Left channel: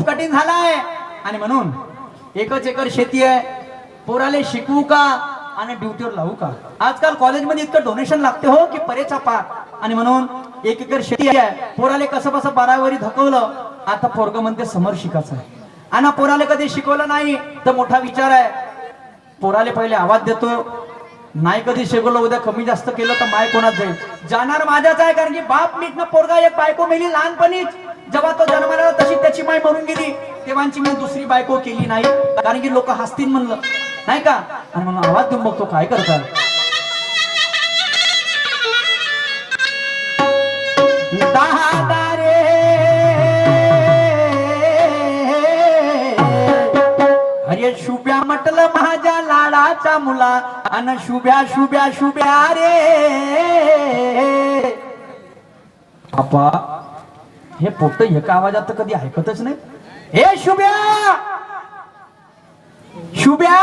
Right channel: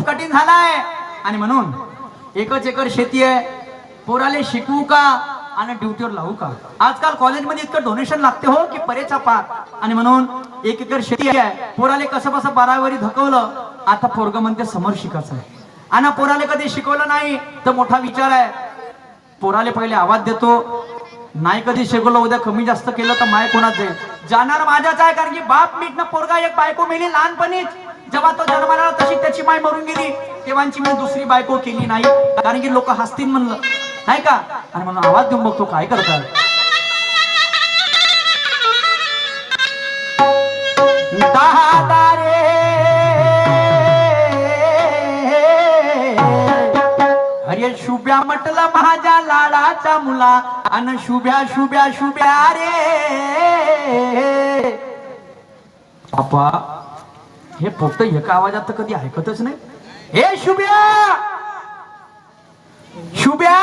खूप कठीण झालाय आणि म्हणून एकच एकर शेती आहे. पोराले शिकवू का आणि ड्युटीवर लावू का? आजकाल कॉलेजमध्ये इतकं डोनेशन लागते हो की परेचा पार. आणि म्हणून 1 एकर शेती आहे. पोराले कसं कसं 12वी धकवलं. आता पोरग म्हणते समोर शिकायचं आहे. आणि पोराले कधी शिकवलं नाही तर मोठा विचार आहे. पोराले पहिले आवाज देतो, नाही कधी शिकवलं उद्या कमी जास्त केलं तर माय कोणाच जाईल? जाणार माझ्याच आहे. कारण की बाप मीटनं पोरगा एक बायको मेली लहानपणीच. जेव्हा तो जन्माला आला तशी त्याची माय मरून गेली. तेव्हाची मी दुसरी बायको केली नाही कारण की लोक हसतील म्हणलं नाही का. आणि म्हणून आवाज देऊन बघतो काय करताय. अरे शुभ्या म्हटलं माझ्या लाडाचा मुला अन शुभ्या शुभ्या शुभ्या रे. बापा हे पोट एका आवाजात तर कधी ऐकतच नाही. हे शुभ्या शुभ्या,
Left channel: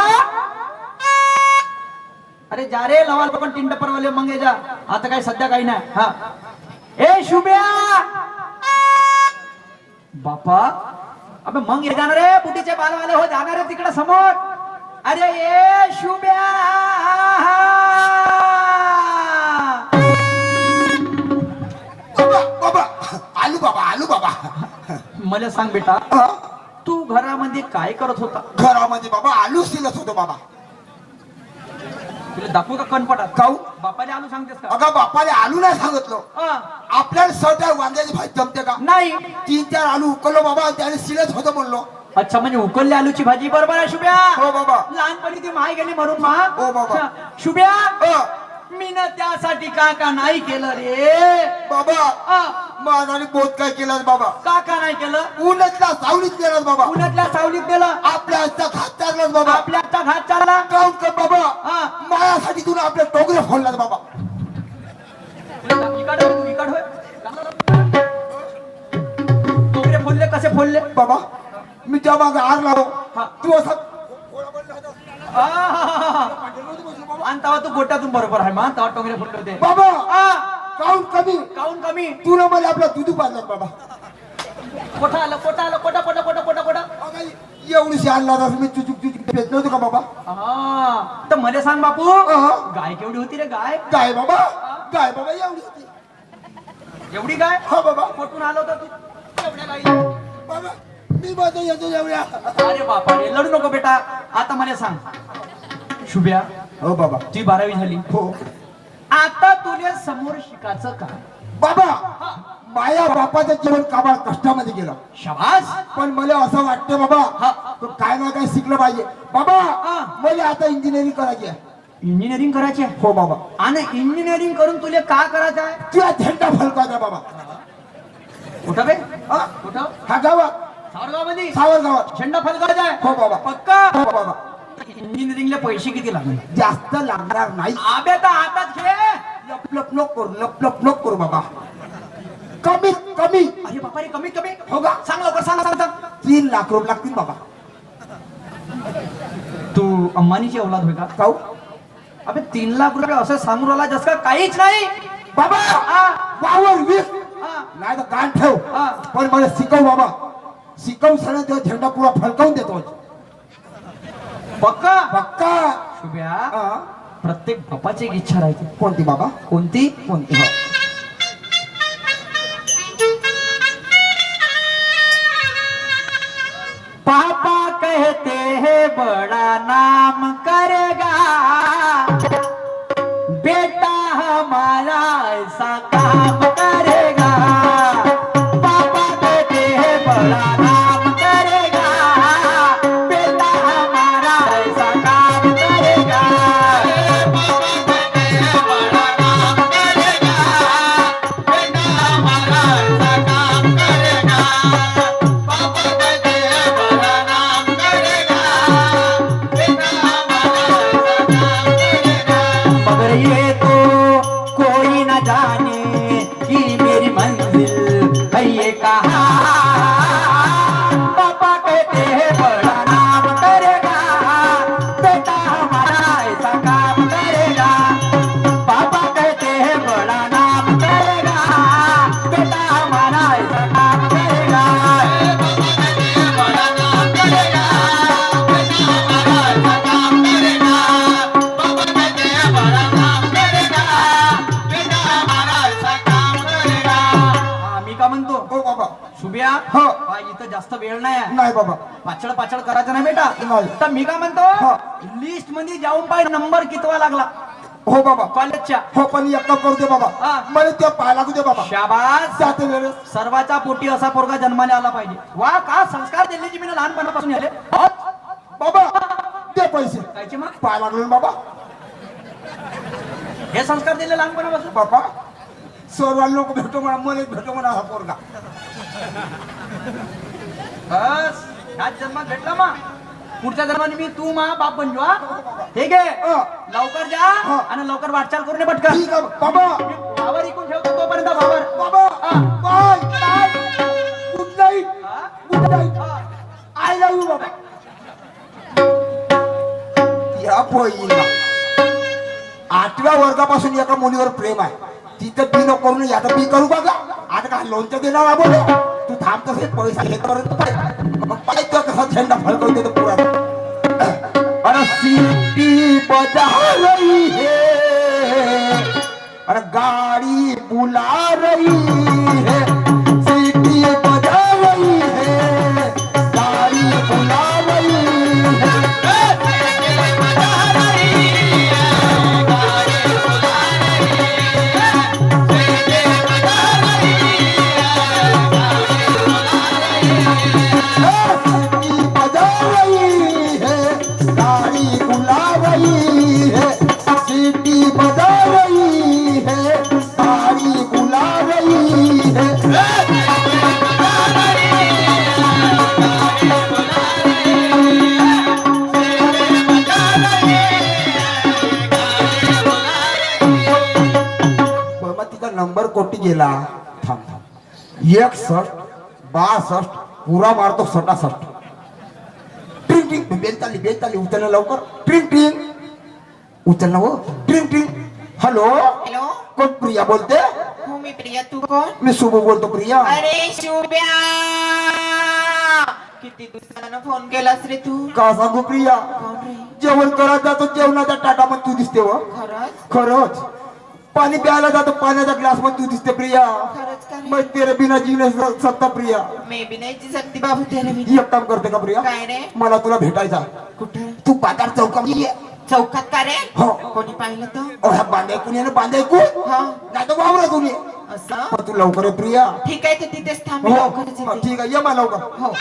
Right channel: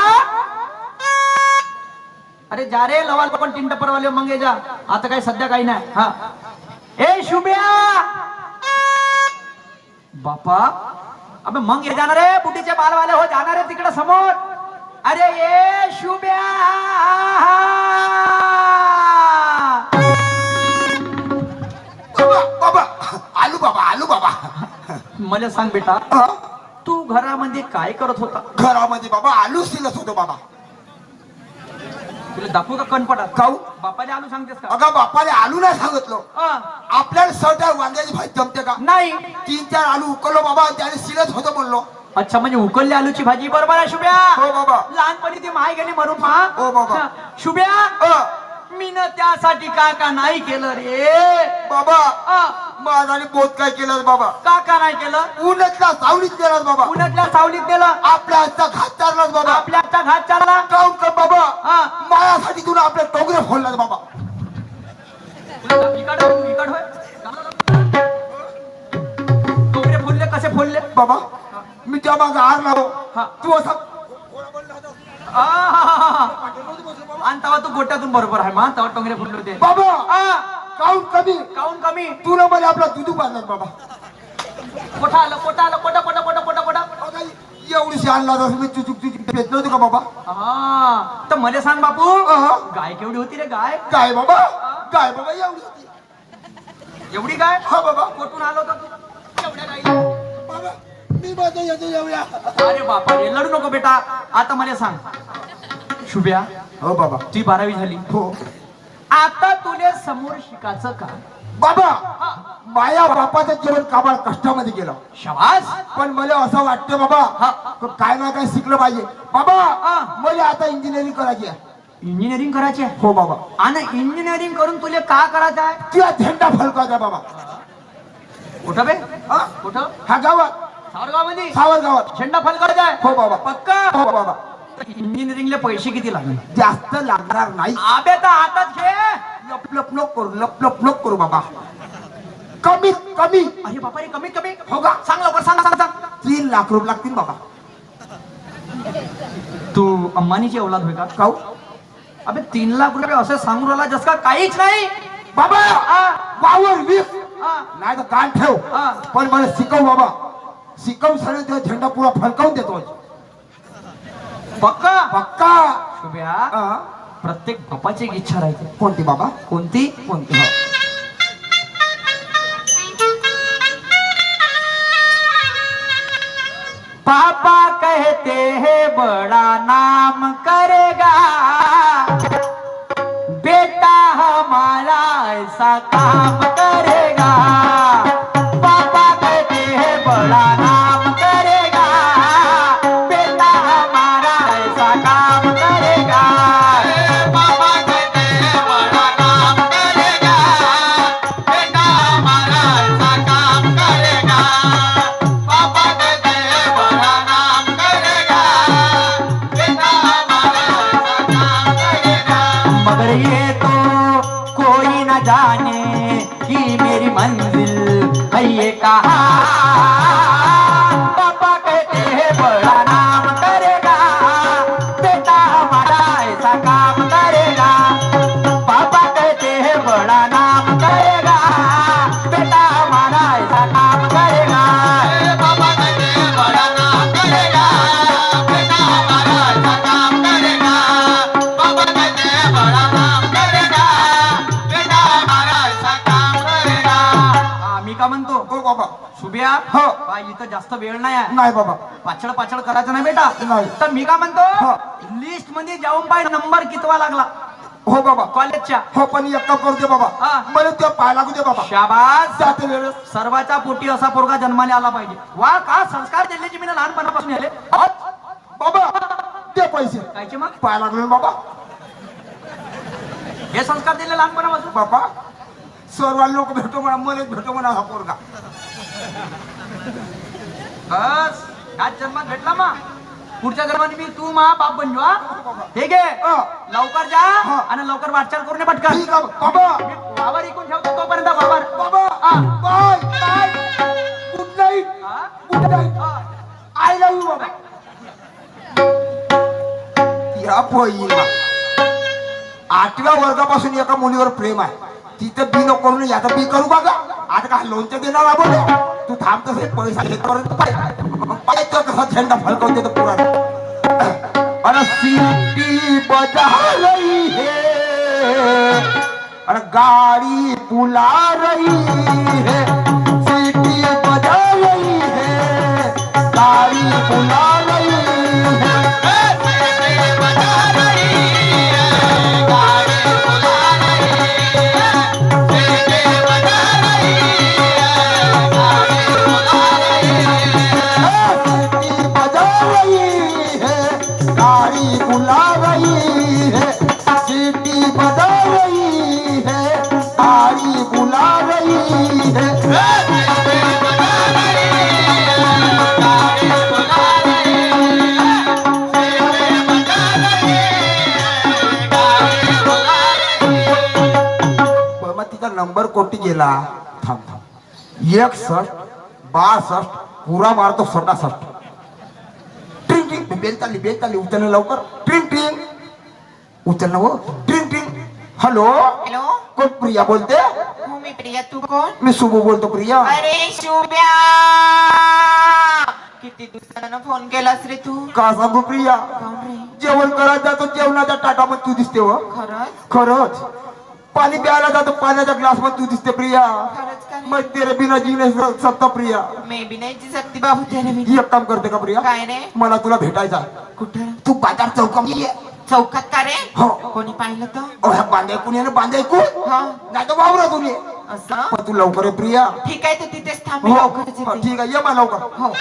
अरे जा रे लवाल पण तीन टप्परवाले मंगे जा. आता काय सध्या काही नाही. हा ए शुभ्या. बापा अबे मग ये जाणार रे बुटीचे बालवाले हो जाणार रे तिकडे समोर. अरे ये शुभ्या. बाबा आलू बाबा आलू बाबा. मला सांग बेटा तू घरामध्ये काय करत होता? घरामध्ये बाबा आलू शिलत होतो बाबा. तुला दाखवू का कणपटात? काऊ बापाने आलू सांगतेस का? अगं बापाने आलू नाही सांगितलं. आपल्याला सध्या वांग्याची भाजी जमते का? नाही. 3-4 आलू उकललो बाबा त्याने शिलत होतो म्हणलो. अच्छा म्हणजे उकलल्या आलूची भाजी. बरोबर आहे शुभ्या. हो बाबा. लहानपणी ती माय गेली मरून मा. हो बाबा. शुभ्या मी ना त्यासाठी का नाही केलं रे बाबा. माझ्याने बोध काय केलं बाबा? का नाही केलं? उन्हातल्या सावलीत गेलास बाबा. उन्हातल्या सावलीत गेलं. आपल्या हातचा घात चाललास बाबा. आपल्या हातचा घात चालला. काऊन का बाबा? मायासाठी तुला आपल्या टोगरे फोडलास बाबा. टोगरे फोडले कसे फोडले बाबा? मी त्या मागे आर लावो. तू असा आणि तेव्हा तू गोट्यातून बरोबर आहे मा. तेव्हा टोंगरे फुटले होते बाबा. काऊन कमी? काऊन कमी? तुला मला आपला दुधू बांधला बाबा. कोठा आलं कोठा आलं कोटा कोटा कोटा कोटा कोटा. एवढीशी आणला मी तुझी पेत नव्हती का बाबा? तर मला सांग बापू गाय केवढी होती रे? गाय गाय बाबा. गाय बाबा एवढी होती. एवढी गाय? हा बाबा. कुठून आलो होता तू एवढ्या गाई? बाबा मी बाबा येतो एवढ्या. अरे बापा रे लढू नको बेटा. आता मला सांग शुभ्या. हो बाबा. ती 12वी झाली. हो. आता तुला समोर शिकायचं का? बाबा माया बापाचं जीवन काबाळ कष्टामध्ये गेलं. शाबास. पण मला असं वाटतं बाबा काय ना काय शिकलं पाहिजे बाबा. मला आता इंजिनिअरिंग करायची आहे. इंजिनिअरिंग करायची आहे? हो बाबा. आणि इंजिनिअरिंग करून तुला का करायचं आहे? तुला झेंडा फलकायचा बाबा. कुठं बे? कुठं? हा गावात. सावरगावमध्ये? सावरगावात झेंडा फलकायचा आहे? हो बाबा. पक्का? हो बाबा. इंजिनिअरिंगला पैसे किती लागले? जास्त लागणार नाही. आबे तर हातात घे. लप लप करू लप लप लप करू बाबा. कमीत कमी. अरे बापा रे कमीत कमी? हो का? सांग लवकर सांग सांग सांग. 3 लाख रुपये लागतील बाबा. तू अंबानीची औलाद होय का? काऊ? अबे 3 लाख रुपये असं सांगून राहिला जस का काहीच नाही. बाबा वावर विक नाही तर कान ठेव. पण मला शिकव बाबा. शिकव सगळं तो झेंडा पुरा फलकावून देतो. पक्का? पक्का. शुभ्या प्रत्येक बापाची एक इच्छा राहते. कोणती बाबा? कोणती? कोणती? पापा कहते हैं बड़ा नाम करेगा बेटा हमारा ऐसा काम करेगा. पापा कहते हैं बड़ा नाम करेगा बेटा हमारा ऐसा काम करेगा. पापा कहते हैं बड़ा नाम करेगा बेटा हमारा ऐसा काम करेगा. पापा कहते हैं बड़ा नाम करेगा बेटा इथं जास्त वेळ नाही आहे. नाही बाबा. पाछळ पाछळ करायचं नाही बेटा. नाही. तर मी काय म्हणतो हा. लिस्ट मध्ये जाऊन पाय नंबर कितवा लागला हो बाबा. कॉलेजच्या. हो पण एक काम करू दे बाबा. हा. मला ते पाय लागू दे बाबा. शाबास. जाते वेळेस सर्वाच्या पोटी असा पोरगा जन्माला आला पाहिजे. वा का संस्कार दिल्याची मी लहानपणापासून आले. बाबा दे पैसे. कायचे मग पाय लागले ना बाबा. हे संस्कार दिले लहानपणापासून. बाबा सर्व लोक भेटो म्हणा, मला भेटो म्हणा हा पोरगा. बस ह्याच जन्मात भेटला मा. पुढच्या जन्माने मी तू मा बाप बनजो. हा ठीक आहे. हा. लवकर जा हा. आणि लवकर वाटचाल करून ये पटकन. ठीक आहे बाबा. वावर इकून ठेवतो तोपर्यंत वावर. बाबा हा. Bye bye. Good night. हा? Good night. हा. आय लव्ह यू बाबा. या पोईला 8व्या वर्गापासून एका मुलीवर प्रेम आहे. तिथं बी नको करून याचा बी करू बघा. आता काय लोणचं देणार आबो तू थांब तसे पैसा घेतपर्यंत पाय तो कसा झेंडा फडकवते तो पुरा. अरे सीटी बजा रही है अरे गाड़ी पुला रही है. सीटी बजा रही है गाड़ी पुला रही है. नंबर कोटी गेला. थांब थांब. 61 62 पुरा मारतो 67. ट्रिंग ट्रिंग बेल चालली उचलणं लवकर. ट्रिंग ट्रिंग उचलणं हो. ट्रिंग ट्रिंग. हॅलो हॅलो कोण प्रिया बोलते. हो मी प्रिया. तू कोण? मी शुभ बोलतो प्रिया. अरे शुभ्या किती दिवसानं फोन केलास रे तू. का सांगू प्रिया कोण रे? जेवण करायला जातो जेवणाच्या ताटामध्ये तू दिसते व. खरंच खरंच. पाणी प्यायला जातो पाण्याच्या ग्लास मध्ये तू दिसते प्रिया. खरंच का रे? मैं तेरे बिना जी नहीं सकता प्रिया. मी बी नाही जी सकती बाबू तेरे बिना. एक काम करते का प्रिया. काय रे? मला तुला भेटायचा. कुठं? तू बाजार चौकामध्ये ये. चौकात का रे? हो. कोणी पाहिलं तर? ओ ह्या बांधायकून ये ना बांधायकून. हा नाही तर वावरातून ये. असं पण तू लवकर ये प्रिया. ठीक आहे तर तिथेच थांब. हो मी लवकरच हो, येते. ठीक आहे ये मला लवकर. हो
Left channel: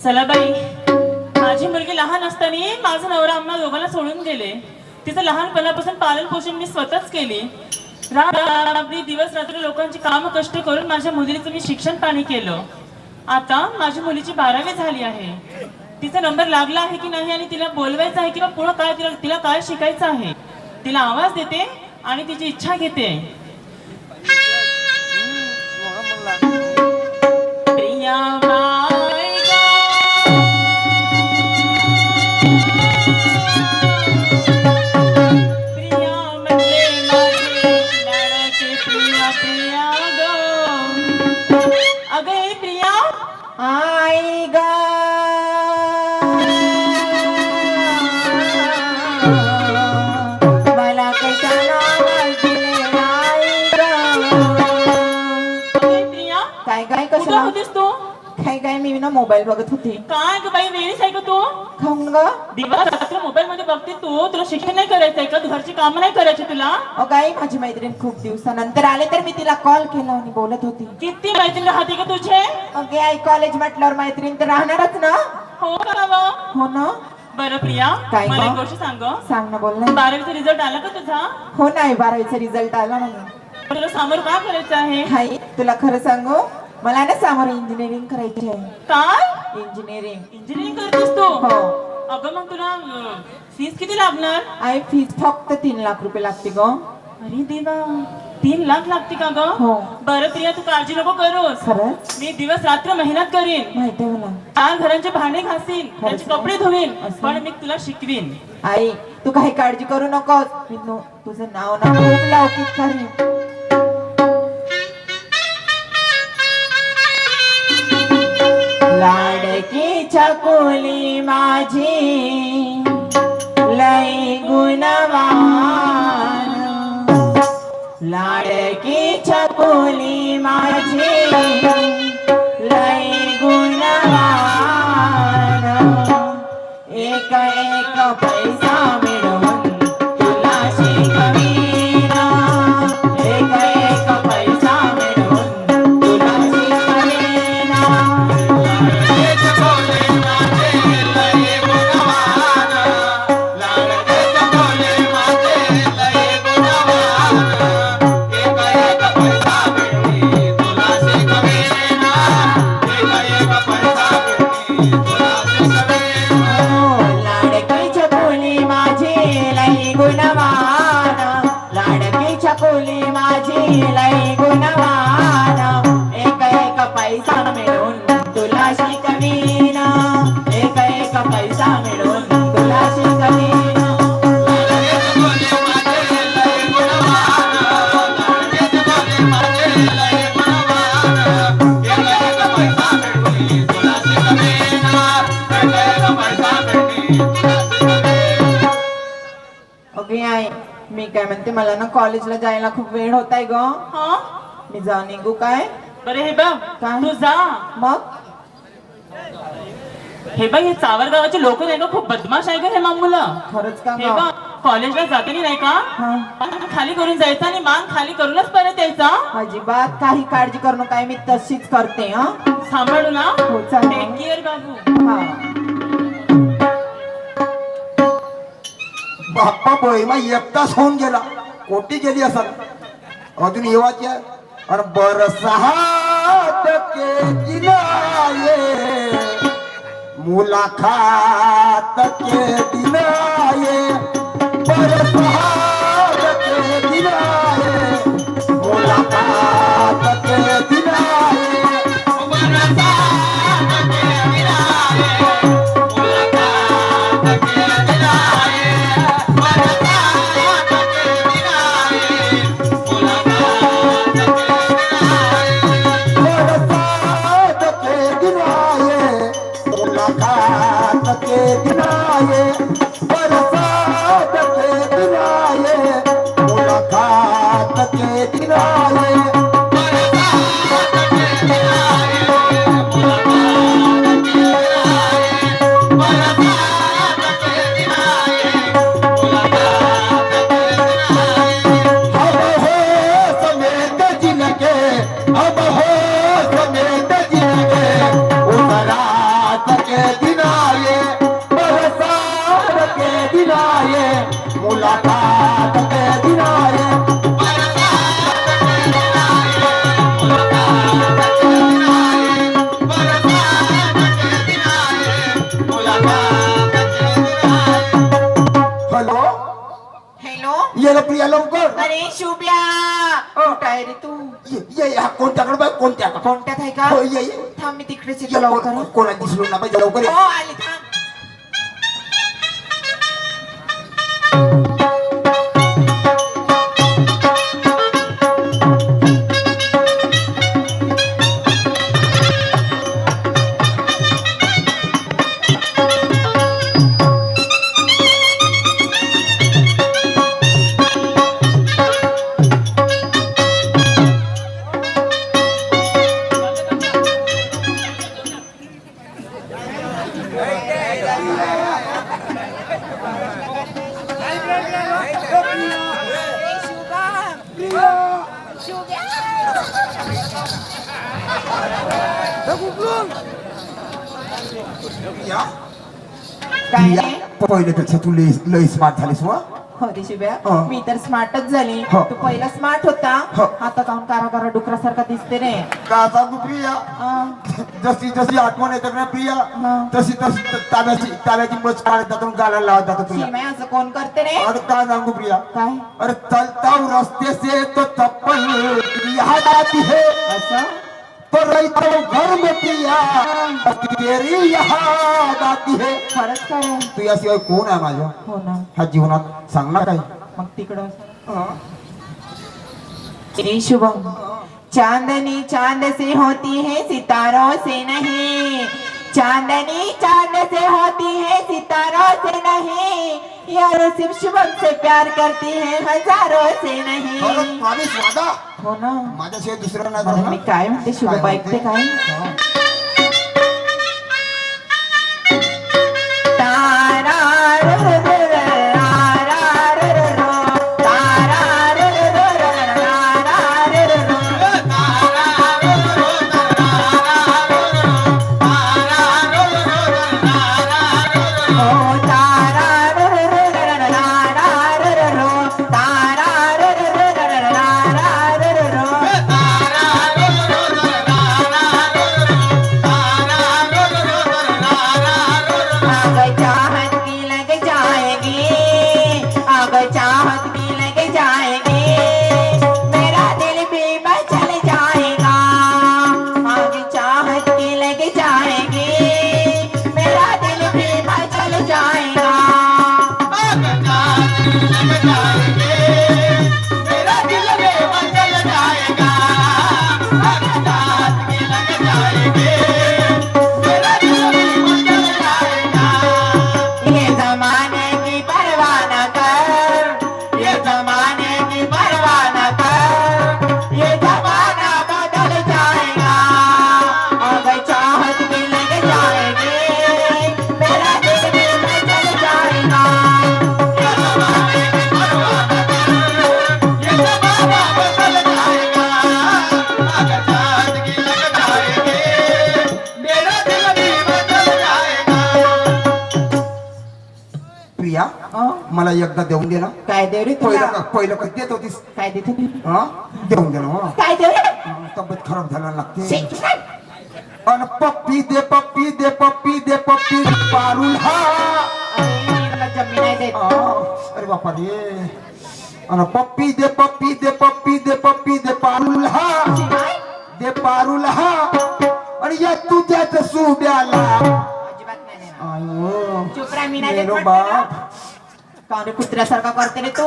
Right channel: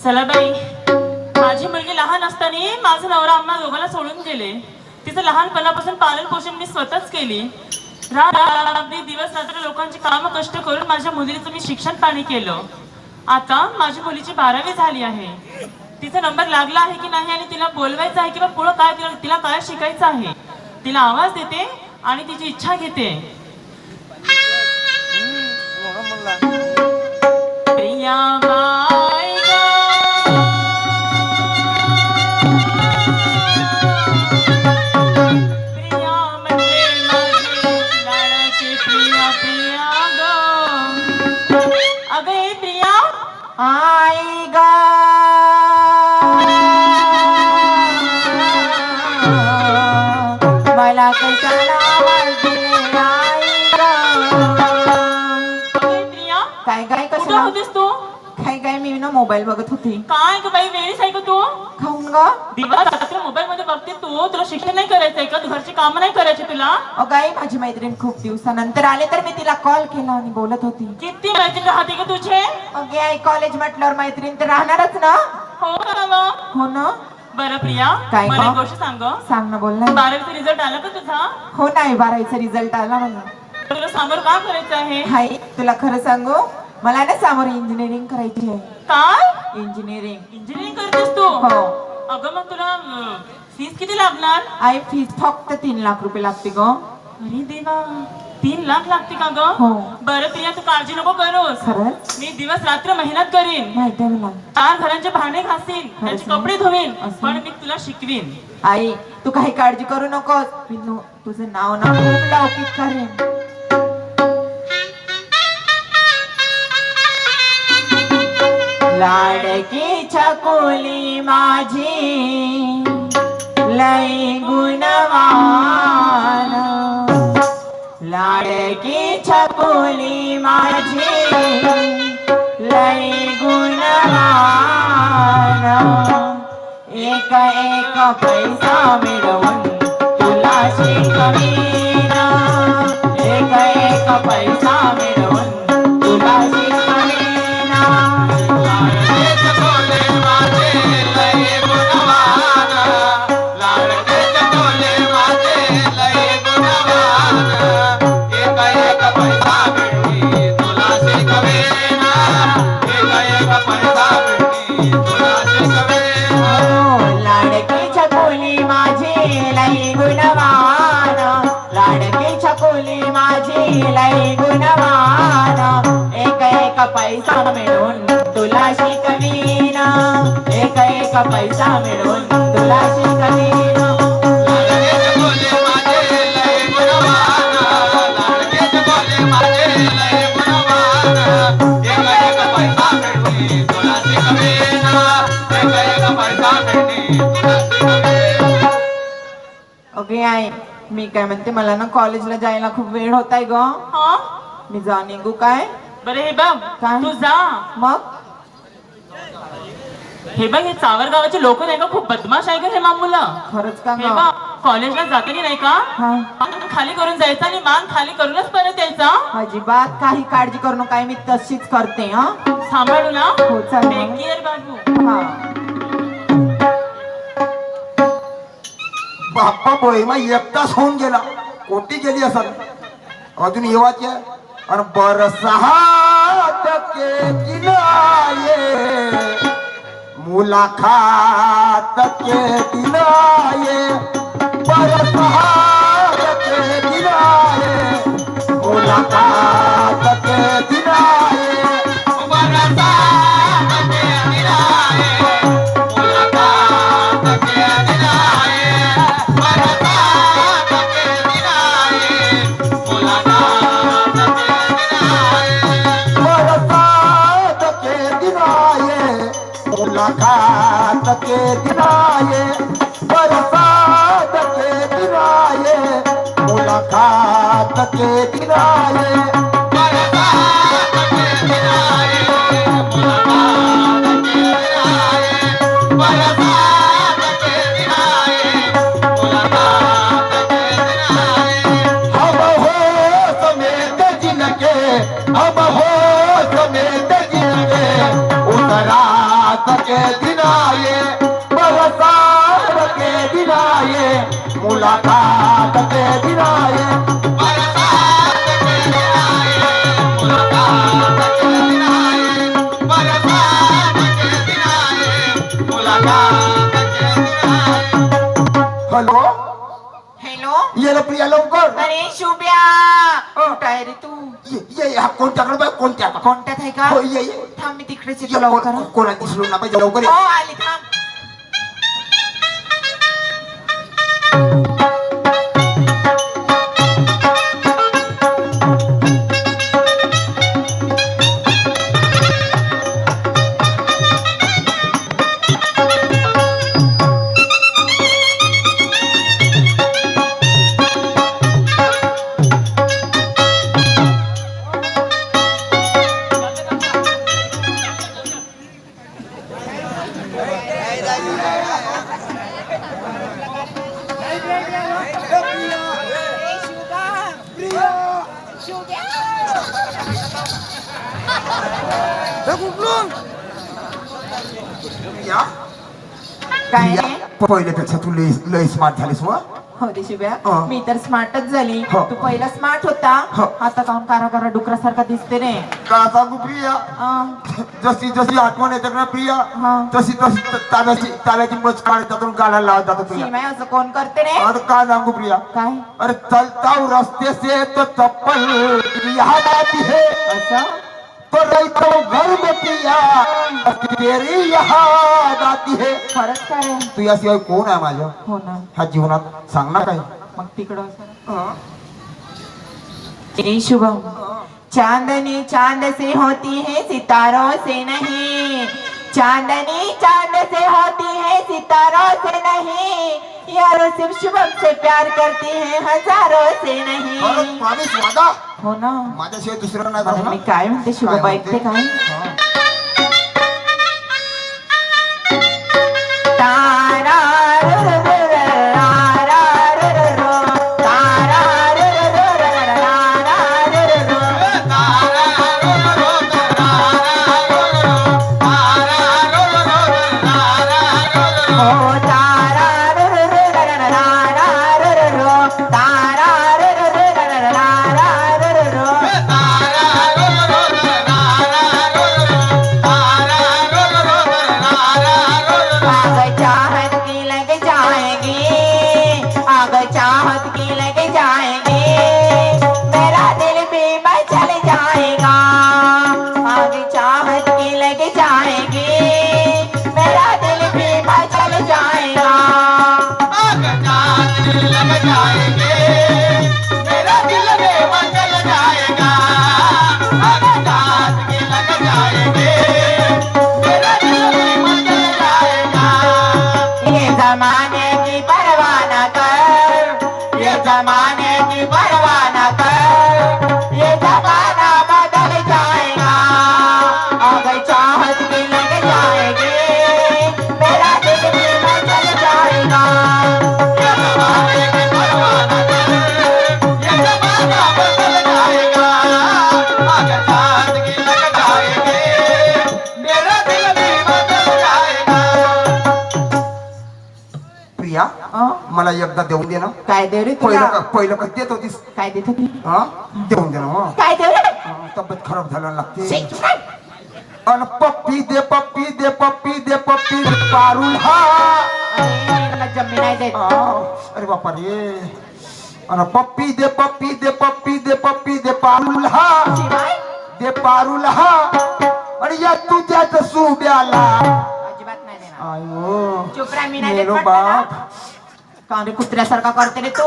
चला बाई, माझी मुलगी लहान असताना माझा नवरा आम्हा दोघांना सोडून गेले. तिचं लहानपणापासून पालन पोषण मी स्वतःच केली. रात्री दिवस रात्र लोकांची काम कष्ट करून माझ्या मुलीचं मी शिक्षण पाणी केलं. आता माझ्या मुलीची 12वी झाली आहे. तिचा नंबर लागला आहे की नाही आणि तिला बोलवायचं आहे किंवा पुढं काय तिला काय शिकायचं आहे. तिला आवाज देते आणि तिची इच्छा घेते. प्रिया बाई गं, प्रिया म्हणजे माझी लाडकी प्रिया प्रिया गं. अगं हे प्रिया, आई ग मला कशाला आवाज दिले आई ग. अगं हे प्रिया, काय काय कुठं कशाला होतीस तू? काय काय मी ना मोबाईल बघत होती. काय ग बाई, वेळीच आहे का तू? खाऊन ग दिवस रात्र मोबाईल मध्ये बघते तू. तुला शिक्षण नाही करायचंय का? घरची कामं नाही करायची तुला? काय माझी मैत्रीण खूप दिवसानंतर आले तर मी तिला कॉल केला आणि बोलत होती. किती मैत्रीण राहते का तुझे? ओके आई कॉलेज म्हटल्यावर मैत्रीण तर राहणारच ना. हो का बाबा? हो ना. बरं प्रिया, काय मला ग? एक गोष्ट सांग. सांग ना बोल ना. 12वीचा रिझल्ट आला का तुझा? हो नाही 12वीचा रिझल्ट आला मला. तुला समोर का करायचं आहे? हाय तुला खरं सांगू मला ना समोर इंजिनिअरिंग करायची आहे. काय इंजिनिअरिंग. इंजिनिअरिंग करतेस तू? हो. अगं मग तुला फीस किती लागणार? आई फीस फक्त 3 लाख रुपये लागते ग. अरे देवा, 3 लाख लागते का ग? हो. बरं प्रिया, तू काळजी नको करूस. खरंच मी दिवस रात्र मेहनत करीन. माहिती आहे मला. 4 घरांचे भांडे घासीन, त्यांचे ना? कपडे धुवीन, असं? पण मी तुला शिकवीन. आई तू काही काळजी करू नकोस. मी तुझं नाव ना खूप लौकिक करेन. लाडकी छकुली माझी लई गुणवान लाडकी छकुली माझी लई गुणवान एक एक पैसा मिळवून तुला शिकवीन एक एक पैसा मिळवून तुला शिकवीन लाडकी छकुली माझी लई गुणवान लाडकी छकुली माझी लई गुणवान एक एक पैसा मिळून तुला शिकवीन एक एक पैसा मिळून तुला शिकवीन ओके आई मी काय म्हणते मला ना कॉलेजला जायला खूप वेळ होत आहे ग हा मी जा निघू काय बरे हे बघ काय? तू जा मग हे बघ हे चावर गावाचे लोक नाही का खूप बदमाश आहे का हे मामुलं खरंच का हे ग बघ कॉलेजला जाते नाही का हा मान खाली करून जायचं आणि मान खाली करूनच परत यायचं अजिबात काही काळजी करू नका मी तशीच करते हा सांभाळू ना हो चालेल टेक केअर बाबू हा बाप्पा बहिमा एक तास होऊन गेला कोटी गेली असल अजून येवाची आहे आणि बरसात के दिनाये मुलाकात के दिनाये बरसात के दिनाये मुलाकात के दिनाये बरसात के दिनाये मुलाकात के दिनाये बरसात के दिनाये मुलाकात के दिनाये अब हो समेत जिनके अब हो समेत जिनके उतरात के दिनाये बरसात के दिनाये मुलाकात के दिनाये हॅलो हॅलो ये रे प्रिया लवकर अरे शुभ्या कुठं आहे रे तू ये हा कोणत्याकडे बाय कोणत्याकडे कोणत्यात आहे का हो ये थांब मी तिकडेच येतो लवकर हं. कोणा दिसलो ना पाहिजे लवकर हो ये. आली थांब या काय या, रे पहिल्यापेक्षा तू लय स्मार्ट झालीस व हो रे शिव्या हं. मी तर स्मार्टच झाली हो. तू पहिला स्मार्ट होता हो. आता काऊन कारा डुकरासारखा दिसते रे का सांगू प्रिया अं, जशी जशी आठवण येते ना प्रिया हा. तशी तशी ताब्याची मच काढत जातो गाला लावत जातो तुला शिवाय असं कोण करते रे अरे काय सांगू प्रिया काय अरे चलता हूँ रास्ते से तो चप्पल याद आती है असं तो रहता हूँ घर में प्रिया तेरी याद आती है खरंच काय रे तू याशिवाय कोण आहे माझ्या हो ना ह्या जीवनात सांग ना काय मग तिकडं असं. ए शुभम चांदनी चांद से होती है सितारों से नहीं चांदनी चांद से होती है सितारों से नहीं यारों सिर्फ शुभम से प्यार करती है हजारों से नहीं. खरंच प्रॉमिस वादा हो ना. माझ्याशिवाय दुसरं नाही मला करणार. मी काय म्हणते शुभम ऐकते काय? हा. तारा रा रा रा रा रा रा रा रा. तारा रा रा रा रा रा रा रा रा. ओ तारा रा रा रा रा रा रा रा रा रा. तारा रा रा रा रा रा रा रा रा रा. आग चाहत की लग जाएगी, आग चाहत की लग जाएगी, मेरा दिल भी मचल जाएगा. आग चाहत की लग जाएगी, मेरा दिल भी मचल जाएगा. ये जमाने की परवाह न कर, ये जमाने की परवाह न कर, ये जमाना बदल जाएगा. अगर चाहत भी लग जाएगी, मेरा दिल भी मचल जाएगा. प्रिया मला एकदा देऊन दे ना. काय देव रे तुला? पहिलं कधी देत होतीस? काय देत होती? हा देऊन दे ना. हा. काय देव रे? तब्येत खराब झाला लागते. शी, काय? अन पप्पी दे पप्पी दे पप्पी दे पप्पी दे पारुल हा. अरे, मला जम्मी नाही देत. अरे बापा रे. अन पप्पी दे पप्पी दे पप्पी दे पप्पी दे पारुल हा. शिवाय? दे पारुल हा. आणि या तुझ्याच सुब्याला. अजिबात नाही देणार. आयो चुप राहा, मी नाही देत मेलो म्हटलं ना. बाप. का रे कुत्र्यासारखा करते रे तू?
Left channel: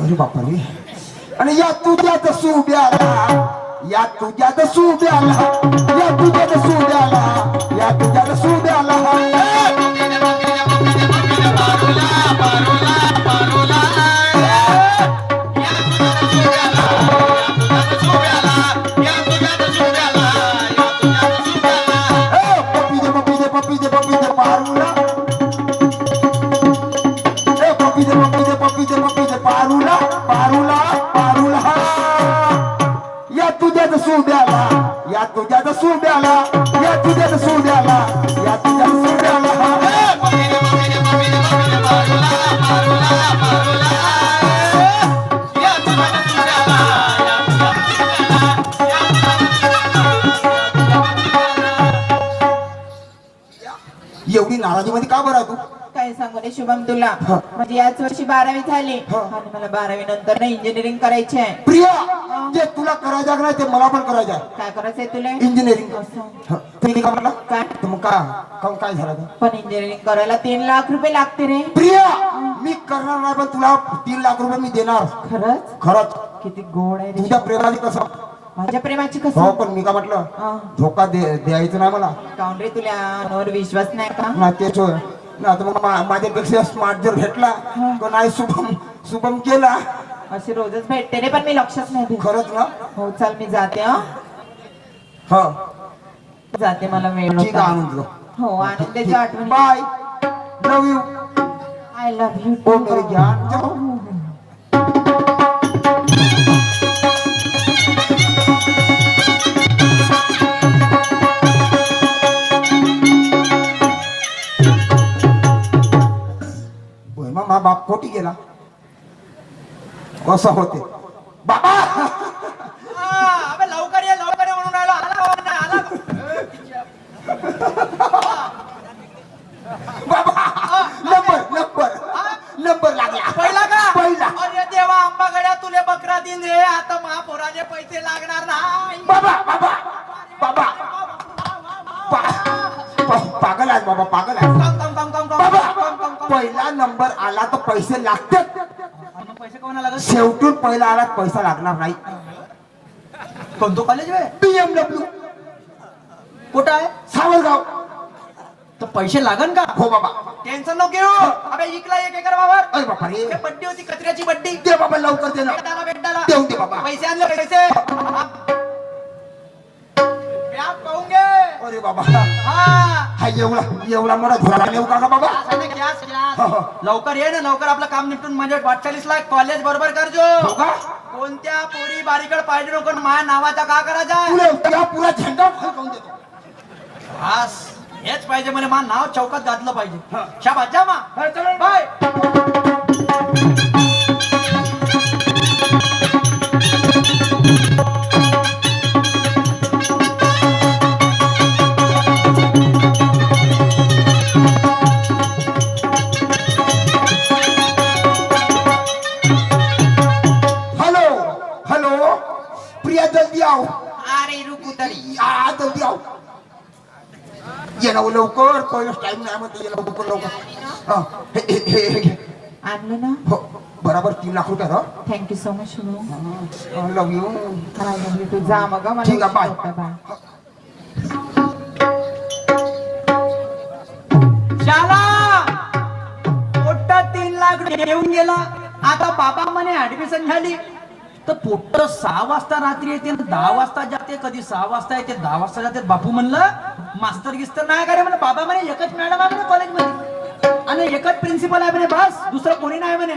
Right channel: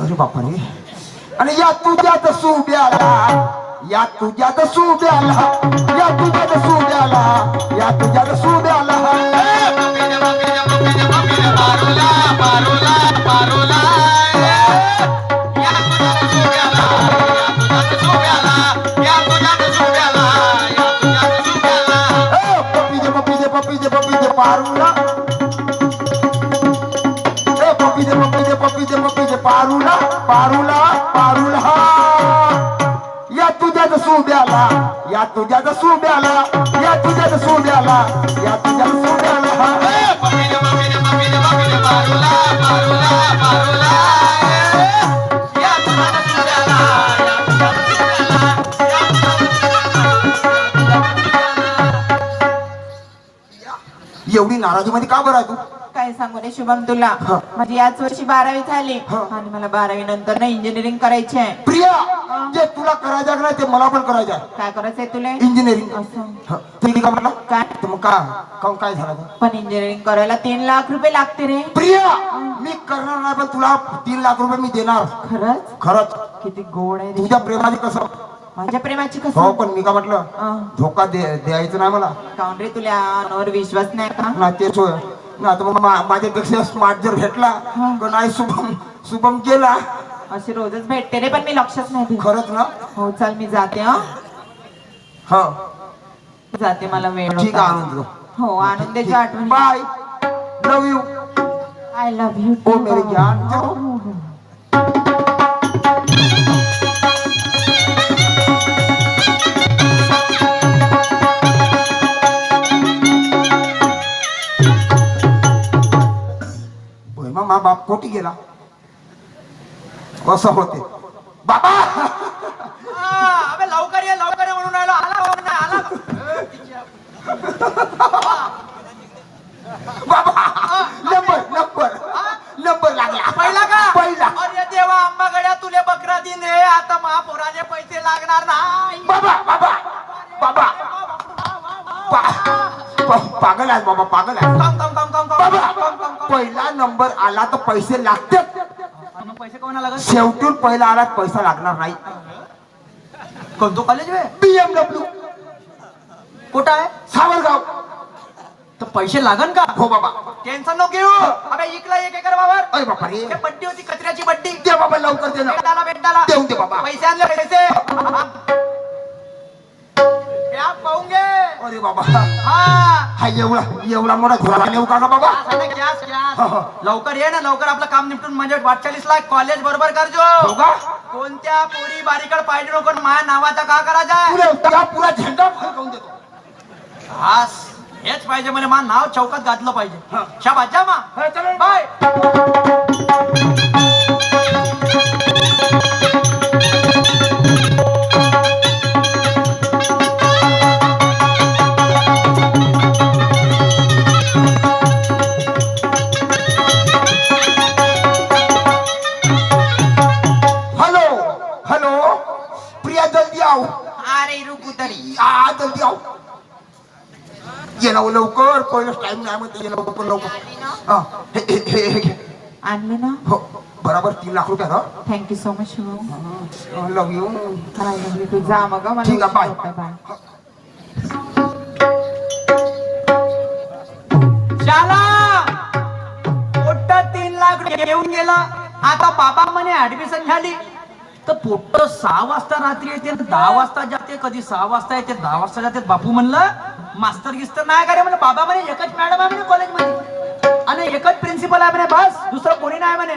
अरे बापा रे. आणि या तुझ्याच सुब्याला, या तुझ्याच सुब्याला, या तुझ्याच सुब्याला, या तुझ्याच सुब्याला. पप्पी दे पप्पी दे पप्पी दे पारुला. पप्पी दे पप्पी दे पप्पी दे पप्पी दे पारुला पारुला पारुला. या तुझ्याच सुब्याला, या तुझ्याच सुब्याला, या तुझ्याच सुब्याला, या तुझ्याच सुब्याला. एवढी नाराजी मध्ये का बरं आहे तू? काय सांगू रे शुभम तुला? हा. माझी याच वर्षी 12वी झाली हा. आणि मला 12वी नंतर ना इंजिनिअरिंग करायची आहे. प्रिया जे तुला करायचं आहे ना ते मला पण करायचं आहे. काय करायचंय तुला? इंजिनिअरिंग. असं. तुम्ही का म्हटलं? काय? तर मग काय झालं तर? पण इंजिनिअरिंग करायला 3 लाख रुपये लागते रे. प्रिया मी करणार नाही पण तुला 3 लाख रुपये मी देणार. खरंच? खरंच किती गोड आहे रे. तुझ्या प्रेमाने कसं? माझ्या प्रेमाची हो कसं? पण मी का म्हटलं हा. धोका द्यायचं नाही मला. काऊन रे तुला अनवर विश्वास नाही का? ना तेच होय ना. तर मग माझ्यापेक्षा स्मार्ट जर भेटला तर नाही. शुभम गेला. अशी रोजच भेटते रे पण मी लक्षच नाही देत. खरंच ना. हो चल मी जाते. हा हा जाते, मला वेळ ठीक आहे होता. आणून देतो. हो आणून देतो आठवण. Bye. Love you. I love you. ओ मेरे ज्ञान. मा बाप कोटी गेला कसं होते बाबा. अबे लवकर ये म्हणून राहिलो. आला हो नाही आला. बाबा नंबर लागला. पहिला का? पहिला. अरे देवा आंबागड्या तुले बकरा दिन हे आता महापोराचे पैसे लागणार नाही. बाबा पागल आहे बाबा, पागल आहे. बाबा पहिला नंबर आला तर पैसे लागतात. मग पैसे कोणा लागत? शेवटून पहिला आला तर पैसा लागणार नाही. कोणतो कॉलेज वे? BMW कुठं आहे? सावरगाव. तर पैसे लागन का? हो बाबा. टेन्शन नको घेऊ. अबे इकला 1 एकर वावर. अरे बापा रे. ते बड्डी होती, कचऱ्याची बड्डी. दे बाबा लवकर दे ना. बेटाला देऊन दे बाबा. पैसे आणले पैसे. व्याप पाहून घे. अरे बाबा हा हा एवढा मोठा घोडा नेऊ का बाबा? गॅस आहे ना, गॅस हो, हो. लवकर ये ना, लवकर आपलं काम निपटून म्हणजे 48 लाख कॉलेज बरोबर करजो. हो का? कोणत्या पोरी बारीकड पाहिजे नको, माझ्या नावाचा का करायचा? तुला त्या पुरा झेंडा फडकवून देतो. हास हेच पाहिजे मला, मा नाव चौकात घातलं पाहिजे. शाबास जा मा. हा, चला. बाय. हॅलो हॅलो प्रिया जल्दी आओ. अरे रुकू तरी. जल्दी आओ. ये ना लवकर, पहिलं टाइम नाही म्हणते. ये लवकर. हा, हे. आणलं ना. हो बरोबर 3 लाख रुपये. Thank you so much Shubham. Love you. मला लव्ह यू टू. जा मग मला. ठीक आहे, बाय. बाय. शाला पोट्ट 3 लाख घेऊन गेला. आता बाबा म्हणे ऍडमिशन झाली तर पोट्ट 6 वाजता रात्री येते, 10 वाजता जाते, कधी 6 वाजता येते, 10 वाजता जाते. बापू म्हणलं मास्तर गिस्तर नाही का रे? म्हणजे बाबा म्हणे एकच मॅडम आहे म्हणे कॉलेजमध्ये आणि एकच प्रिन्सिपल आहे म्हणे, बस दुसरं कोणी नाही म्हणे.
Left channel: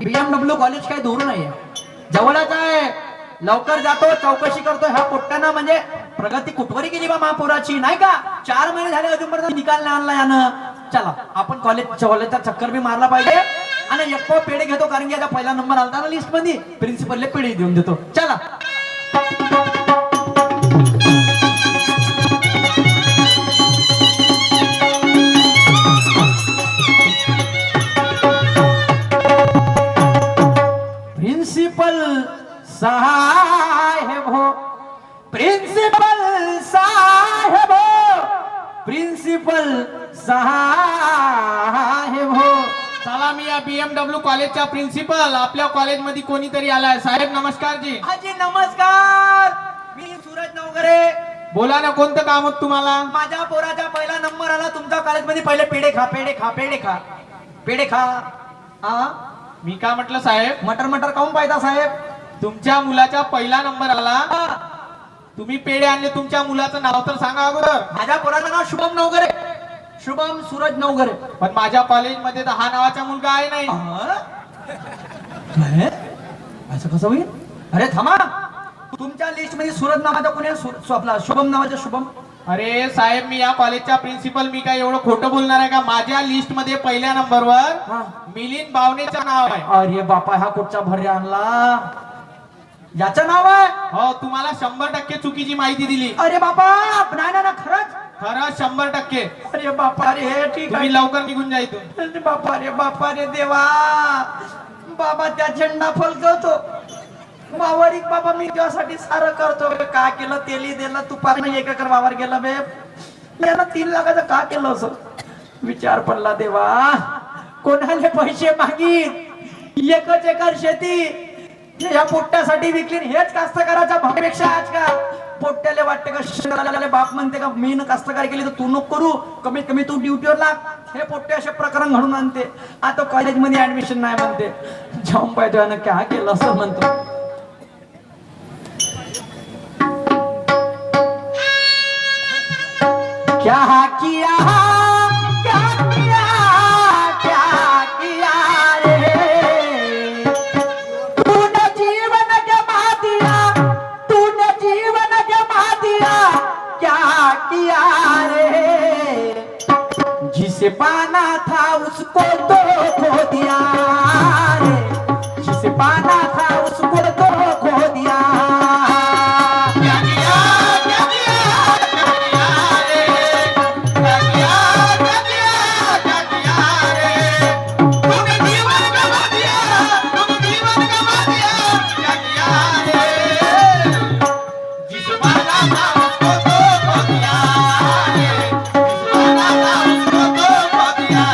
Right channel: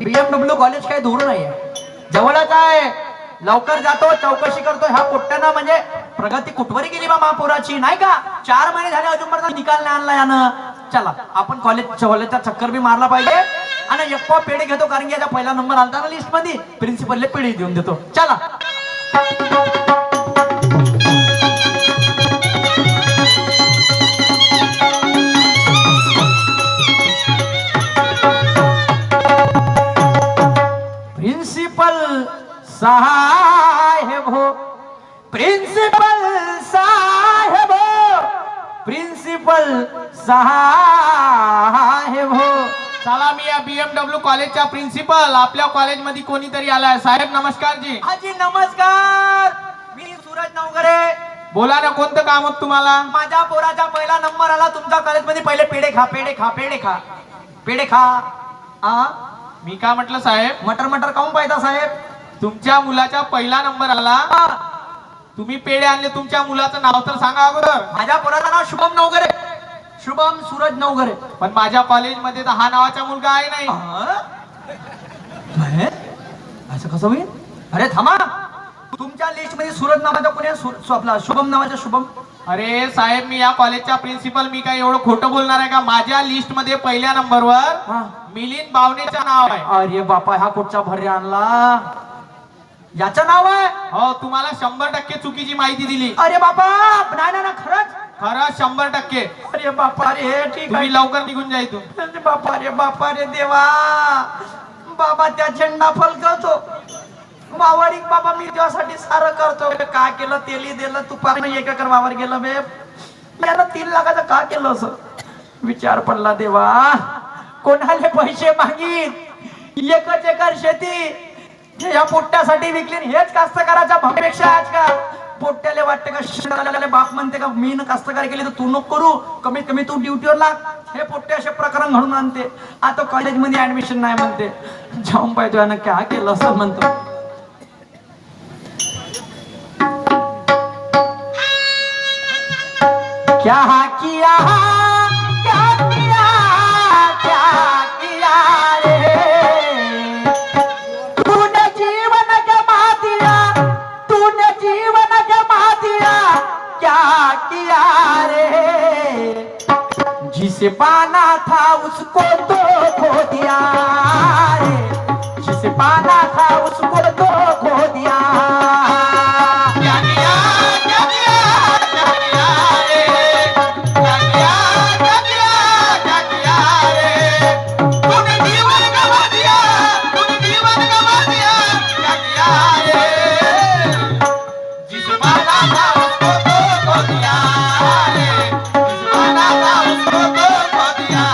BMW कॉलेज काही दूर नाहीये, जवळच आहे. लवकर जातो, चौकशी करतो. ह्या पोट्ट्यानं म्हणजे प्रगती कुठवरी केली बा महापुराची नाही का? 4 महिने झाले अजूनपर्यंत निकाल नाही आणला यानं. चला आपण कॉलेजचा चक्कर बी मारला पाहिजे आणि एक पाव पेढे घेतो, कारण की याचा पहिला नंबर आलता ना लिस्ट मध्ये. प्रिन्सिपलले पेढे देऊन देतो. चला प्रिन्सिपल साहेब हो, प्रिन्सिपल साहेब हो, प्रिन्सिपल साहेब हो. चला मी या BMW कॉलेजचा प्रिन्सिपल. आपल्या कॉलेजमध्ये कोणीतरी आलाय. साहेब नमस्कार जी. हाजी नमस्कार. मी सूरज नवगरे. बोला ना, कोणतं काम होत तुम्हाला? माझ्या पोराचा पहिला नंबर आला तुमच्या कॉलेजमध्ये. पहिले पेढे खा, पेढे खा, पेढे खा, पेढे खा. आ मी काय म्हटलं साहेब? मटर मटर काऊन पाहिजे साहेब? तुमच्या मुलाचा पहिला नंबर आला, आ, तुम्ही पेढे आणले. तुमच्या मुलाचं नाव तर सांगा अगोदर. माझ्या पोराचं नाव शुभम नवगरे. शुभम सूरज नवगरे. पण माझ्या कॉलेजमध्ये तर हा नावाचा मुलगा आहे नाही. नाही? असं कसं होईल? अरे थांबा, तुमच्या लिस्ट मध्ये सूरज नावाचा कोणी आहे? आपला शुभम नावाचा शुभम. अरे साहेब, मी या कॉलेजचा प्रिन्सिपल. मी काय एवढं खोटं बोलणार आहे का? माझ्या लिस्ट मध्ये पहिल्या हा. नंबरवर मिलिंद बावनेचं नाव आहे. अरे बापा, हा कुठचा भर्रे आणला? याचं नाव आहे? हो, तुम्हाला 100% चुकीची माहिती दिली. अरे बापा, नाही ना खरंच. खरं 100%. अरे बापा रे, ठीक आहे. तुम्ही लवकर निघून जा इथून. अरे बापा रे देवा. बाबा त्या झेंडा फलकवतो वावरिक. बाबा मी त्यासाठी सारं करतो. का केलं? तेली दिलं, तुपानं 1 एकर वावर गेलं बे. यानं 3 लाखाचं का केलं असं? विचार पडला देवा. कोणाले पैसे मागीत? 1 एकर शेती या पोट्ट्यासाठी विकली. हेच कास्तकाराच्या भावपेक्षा आजकाल पोट्ट्याले वाटते का शेणाला बाप म्हणते का मी कास्तकारी केली तर तू नको करू, कमीत कमी तू ड्युटीवर लाग. हे पोट्टे असे प्रकरण घडून आणते. आता कॉलेजमध्ये ऍडमिशन नाही म्हणते. जाऊन पाहिजे यानं क्या केलं असं म्हणतो. क्या किया, क्या किया, क्या किया रे? तूने जीवन गमा दिया, तूने जीवन गमा दिया, क्या किया रे? जिसे पाना था उसको तो खो दिया रे, जिसे पाना था उसको तो खो दिया. क्या किया, क्या किया, क्या किया रे? क्या किया, क्या किया, क्या किया रे? तूने जीवन गवा दिया, तूने जीवन गवा दिया, क्या किया रे? जिसे पाना था उसको तो खो दिया रे, जिसे पाना था उसको तो खो दिया.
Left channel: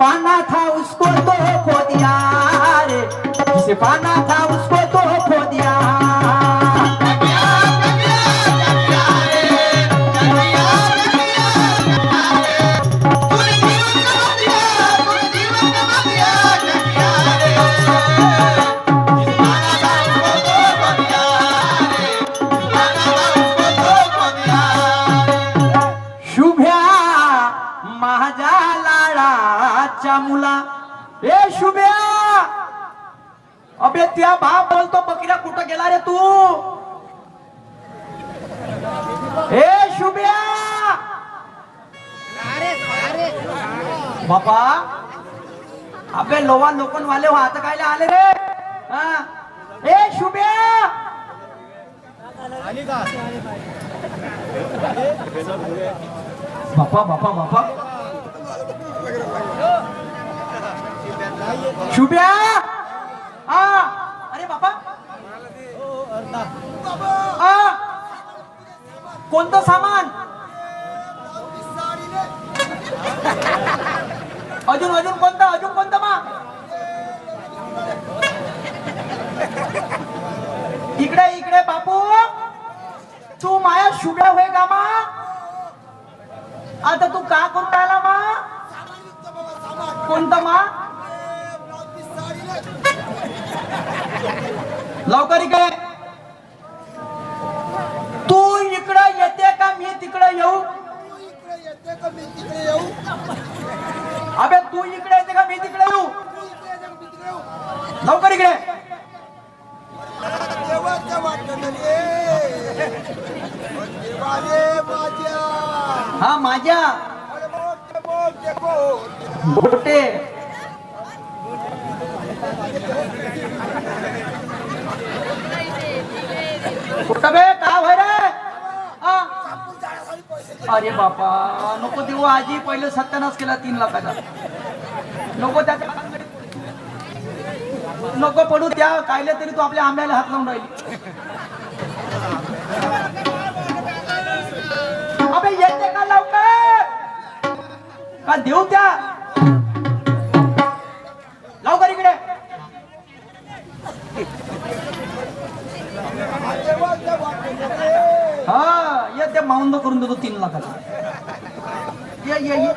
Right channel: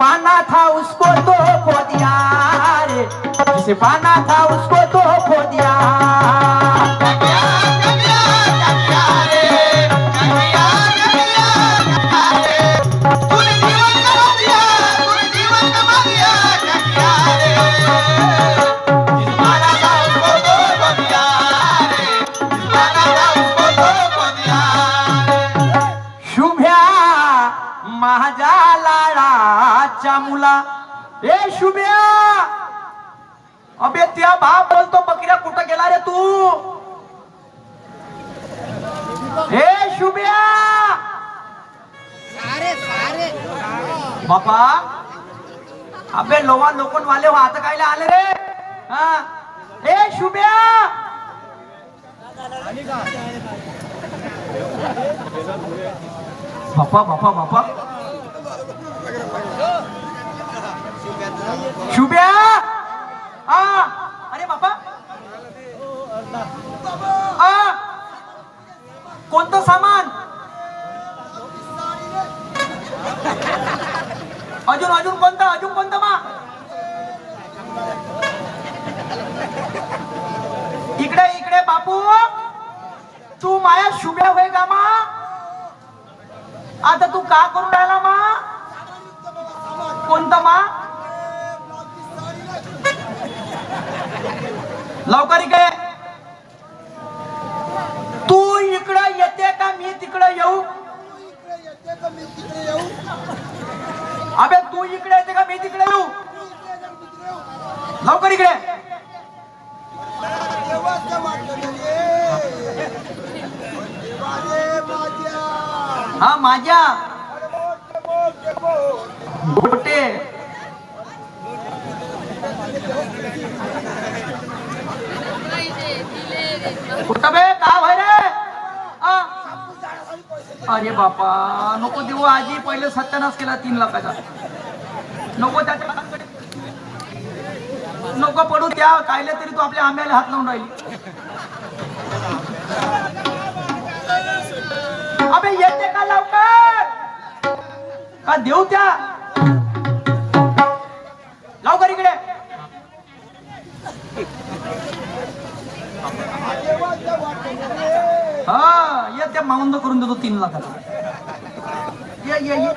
पाना था उसको तो खो दिया रे, जिसे पाना था उसको तो खो दिया। शुभ्या माझ्या लाडाच्या मुला, ए शुभ्या, अबे त्या बाप बोलतो बकऱ्या कुठं गेला रे तू? ए शुभ्या, बापा, अबे लोवा लोकन वाले हो आता कायला आले रे? हा, ए शुभ्या, बापा बापा बापा, शुभ्या, आ, अरे बापा, आ, कोणतं सामान? अजून अजून कोणतं मा? इकडे इकडे बापू, तू माया शुभ्या होय का मा? आता तू का करून राहिला मा? कोणतं मा? लवकर इकडे. तू इकडे येते का मी तिकडे येऊ? अबे तू इकडे येते का मी तिकडे येऊ? लवकर इकडे. हा माझ्या गोटे कुठं बे का भाई रे? अरे बापा नको देऊ आजी, पहिले सत्यानाश केला 3 लाखाचा. नको त्याच्या नको पडू त्या कायले तरी तू आपल्या आंब्याला हात लावून राहिली. अबे येते का लवकर? का देऊ त्या? लवकर इकडे. हा येते माउंद करून देतो 3 लाखाचा. ये ये ये.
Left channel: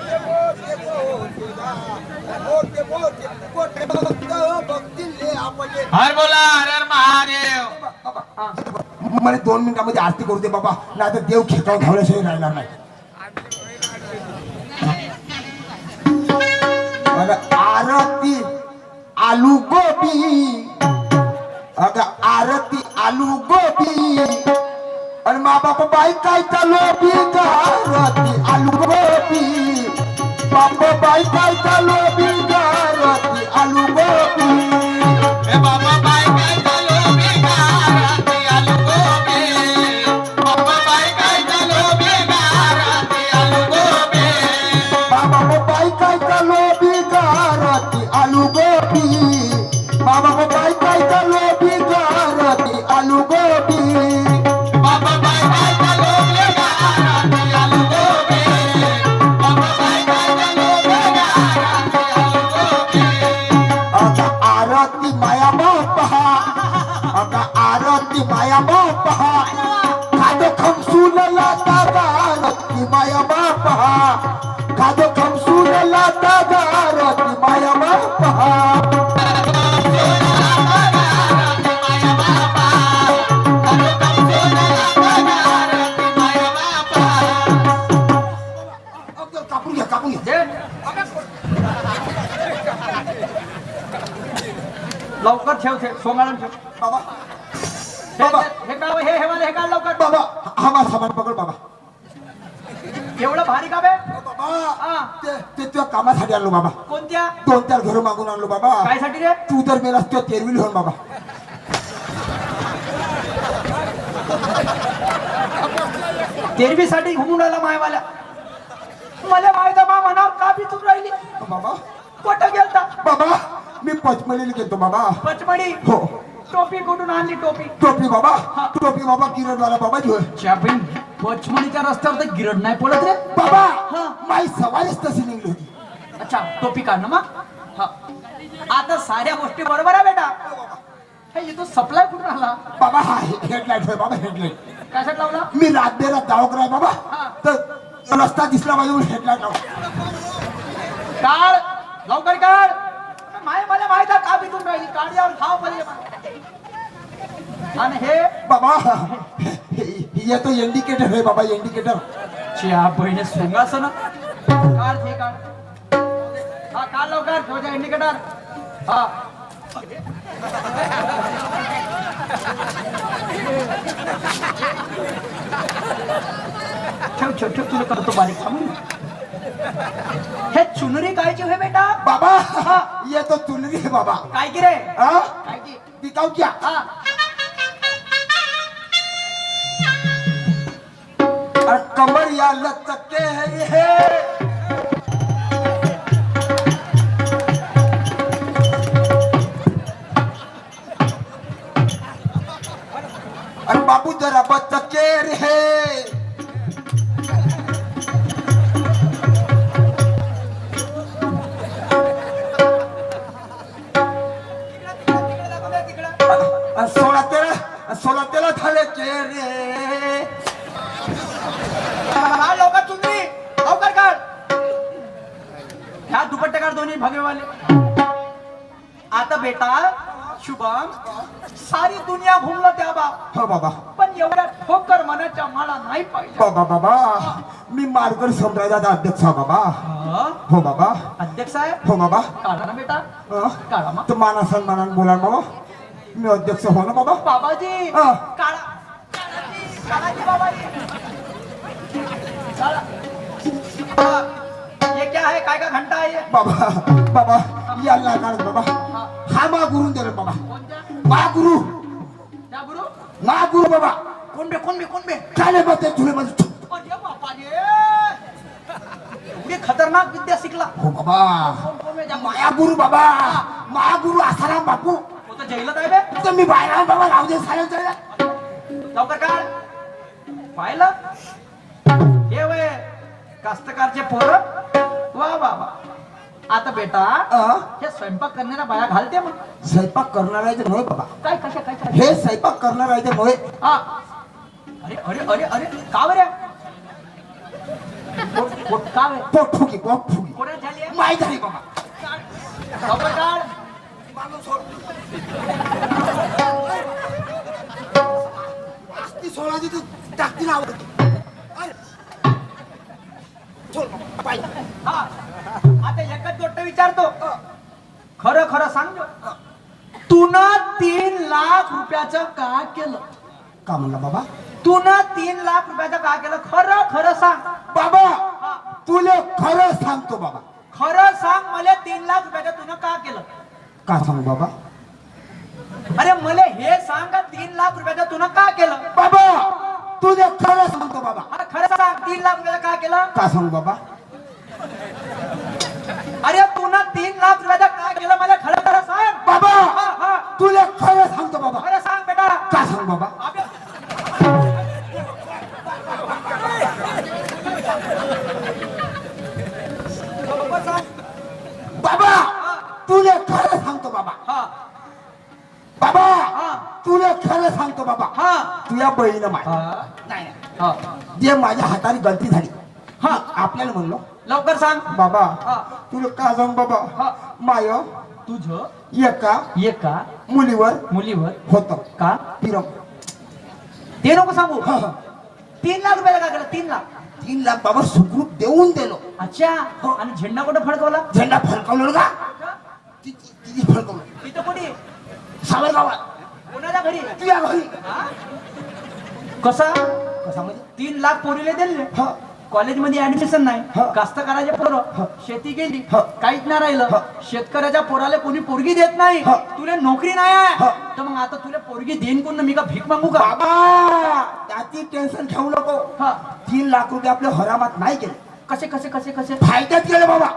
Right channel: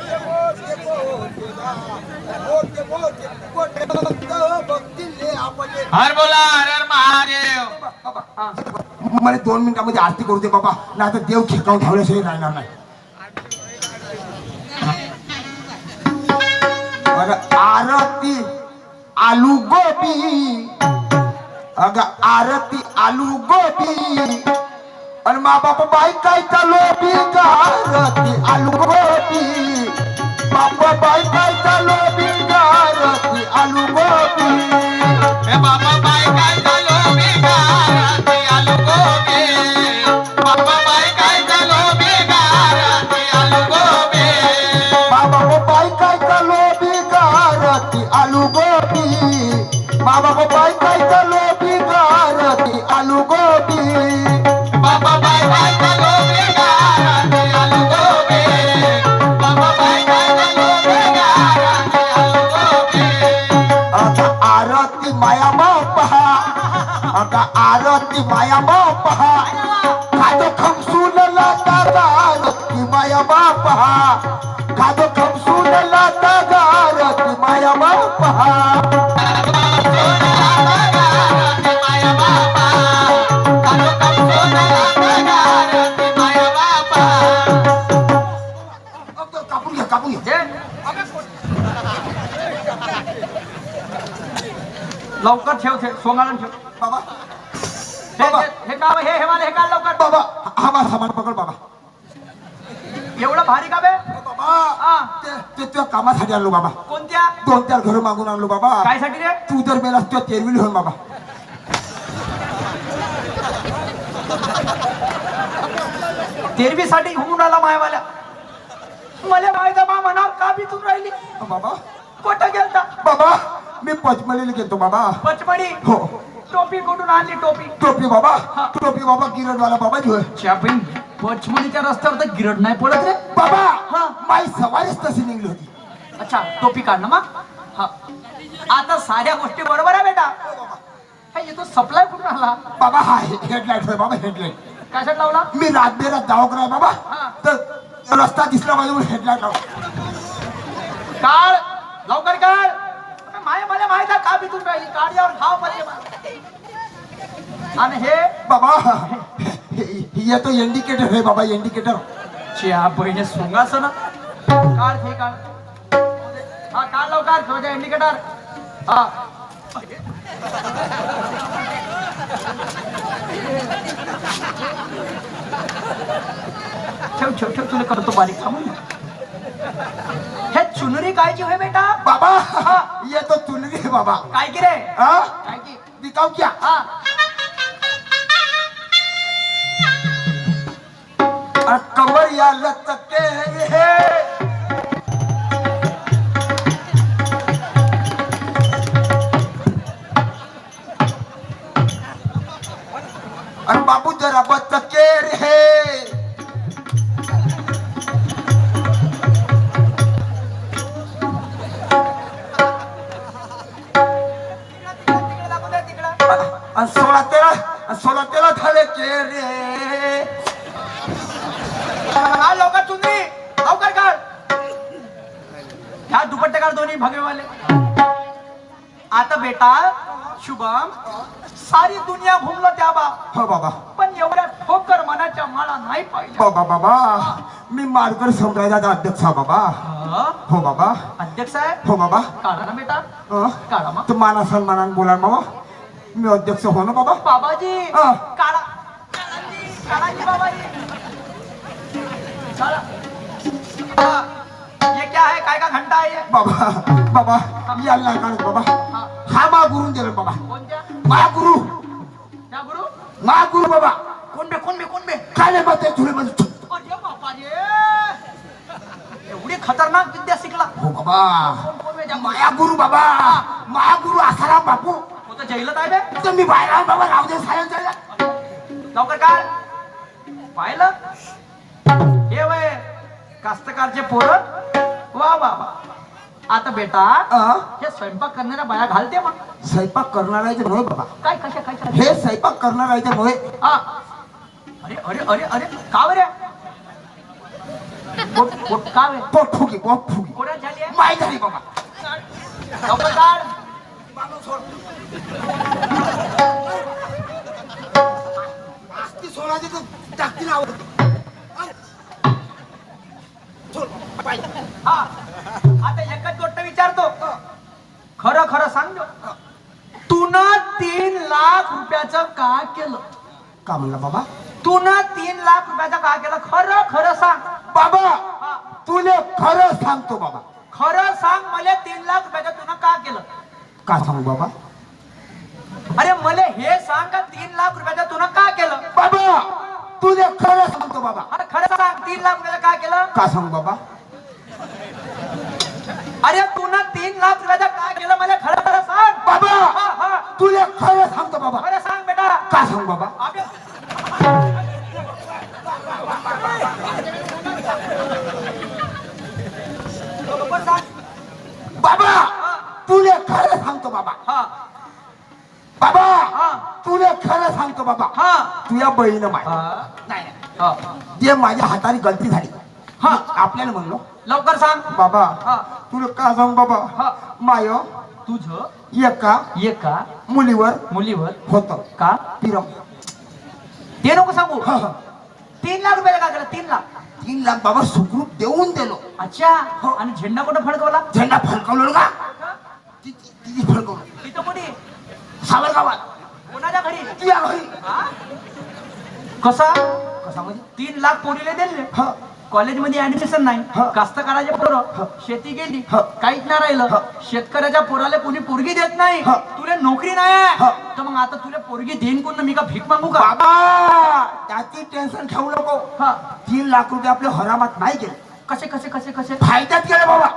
हर बोला हर महादेव. मला 2 मिनिटांमध्ये आरती करू दे बाबा, नाही तर देव खेकावून ठेवल्याशिवाय राहणार नाही. अगं आरती आलू गोबी, अगं आरती आलू गोबी, आणि मा बापा बाई काय चालू बी गा आरती आलू गोबी, बापा बाई काय चालू बी गा आरती आलू गोबी. हे बाबा बाय काय झालो बेगाराती आलू गोबी, बाबा बाय काय झालो बेगाराती आलू गोबी. बाबा बाई काय चालू बी गा आरती आलू गोबी, बाबा बाई काय चालू बी गा आरती आलू गोबी. बाबा बाय काय झालो बेगाराती आलू गोबी, बाबा बाय काय झालो बेगाराती आलू गोबी. अगं आरती माया पहा, अगं आरती माया पहा, खाद खमसून लाता आरती माया पहा, खाद खमसून लाता आरती माया पहा. कापून घ्या कापून घ्या. दे. लवकर ठेव ठेव सोंगाळून ठेव. बाबा हे बाबा हे का हे हे वाले हे काढ लवकर. बाबा हा माझा सामान पकड बाबा. एवढं भारी का बे? बाबा हा. ते तुझ्या कामासाठी आणलो बाबा. कोणत्या? 2-4 घर मागून आणलो बाबा. काय साठी रे? तू जर मेलास तुझ्या तेरविल होऊन बाबा. तेरवीसाठी घुमून आला मायवाल्या. मला मायचा मा मनावर का बितून राहिली? बाबा कुठं गेलता? बाबा मी पचमडीला गेलतो बाबा. पचमडी? हो. टोपी कुठून आणली टोपी? टोपी बाबा, टोपी बाबा किरणवाला बाबा घेऊ. शापिंग पचमडीच्या रस्त्यावर तर गिरड नाही पडत रे बाबा हा. माई सवारीच तशी निघली होती. अच्छा टोपी काढ ना मग हा आता साऱ्या गोष्टी बरोबर आहे बेटा हे येतो सप्लाय कुठून आला बाबा हा हेडलाईट होय बाबा हेडलाईट कशात लावला मी रातभरात दवाखाना आहे बाबा हा. तर रस्ता दिसला माझ्यावर हेडलाईट लावला काढ लवकर काढ अबे, मला माहित आहे का बितून राहिली काढल्यावर खाव पाहिजे आणि हे बाबा येतो इंडिकेटर होय बाबा इंडिकेटर च्या बहिणी सोंगासन काढ हे काढ हा काढ लवकर ठेव इंडिकेटर हा ठेव ठेव ठेव तुला करतो बारीक थांबून हे चुनरी कायची होय बेटा बाबा येतो चुनरी आहे बाबा काय की रे हा काय की विकाऊ क्या हा और कमर या लचके है और बाबू जरा बचके है सोळा तेरा झाले रे हा लवकर चुनरी लवकर काढ ह्या दुपट्टे काढ दोन्ही भगवेवाले आता बेटा शुभम सारी दुनिया घुमलो त्या बा हो बाबा पण एवढ्या ठोकर मनाच्या मला नाही पाहिजे बाबा बाबा मी मारकर सम्राजाचा अध्यक्ष आहे बाबा हा? हो बाबा अध्यक्ष आहे हो बाबा काढा ना बेटा काढा मग तर माना सन्मानाने बोला ना बाबा मी अध्यक्ष हो ना बाबा बाबाजी हा. काढा काढाजी बाबाजी काढा. हा. ये क्या है काय का घंटा आहे ये? बाबा बाबा याला काढ बाबा हा. हा मा गुरु दिलं बाबा कोणत्या मा गुरु त्या गुरु मा गुरु बाबा कोण बे काय नाही बघते तुला म्हणजे अरे बापाजी एवढी खतरनाक विद्या शिकला हो बाबा कोण बे? माया गुरु बाबा मा गुरु आसाराम बापू तो तर जैलत आहे बे तर मी बायराम बाबा रावदे साहेब लवकर काढ पाहिलं हे वय कास्तकारचे पोरं वा वा वा आता बेटा हे स्वयंपाक करणाऱ्या बाया घालते मग स्वयंपाक करणार आहे नव्हे बाबा काय कशा काय हे स्वयंपाक करणार आहे नव्हे हा अरे अरे अरे अरे का बरे पोट का वे पोट फुगी कोणात झाली आहे माय झाली बाबा लवकर काढ सोळा टाकतील आवड हा आता एकच गोष्ट विचारतो खरं खरं सांग तून 3 लाख रुपयाचं का केलं का म्हणला बाबा तून 3 लाख रुपयाचं का केलं खरं खरं सांग बाबा हा, तुला खरं सांगतो बाबा खरं सांग मला 3 लाख रुपयाचं तुनं का केलं का सांगू बाबा अरे मला हे सांग का 3 लाख रुपयाचं तुनं का केलं बाबा तुला खरं सांगतो बाबा अरे खरं सांग 3 लाख रुपयाचं का केलं का सांगू बाबा अरे तुनं 3 लाख रुपयाचं का केलं मला खरं खरं सांग बाबा हा हा तुला खरं सांगतो बाबा खरं सांग बेटा का सांगू बाबा अबे, बरोबर सांग बाबा तुला खरं सांगतो बाबा हा बाबा हा तुला खरं सांगतो बाबा हा तुझ्या बहिणीनं माय नाही हा जे माझ्या हाताने गलती झाली हा. आपल्याला म्हणलो लवकर सांग बाबा हा तुला का सांग बाबा हा. माय तुझं एका मुलीवर मुलीवर होत का पिरम ते नको सांगू हा, हा. 3 लाख रुपयाला का केलं 3 लाख 3 लाख बाबा सुखरूप देऊन दिलो अच्छा आणि झेंडा कुठं फडकवला झेंडा फडकवलो का तिची फडकवलो तिथं कोणी सावरगावात कोणाच्या घरी तुझ्या घरी हा? कसा कसा म्हणजे 3 लाख पोरीले दिले हा कॉलेजमध्ये ऍडमिशन नाही हा. कास्तकाराचे पोरं शेती गेली हा. काहीच नाही राहिलं शेतकऱ्याच्या पोराला कोणी पोरगी देत नाही हा. तुला नोकरी नाही आहे हा. तर मग आता तुला पोरगी देईन कोण मी का भीक मागू का बाबा त्याची टेन्शन ठेवू नको हा 3 लाख रुपये आपल्या हरामात नाही गेले कसे कसे कसे कसे फायद्यात गेले बाबा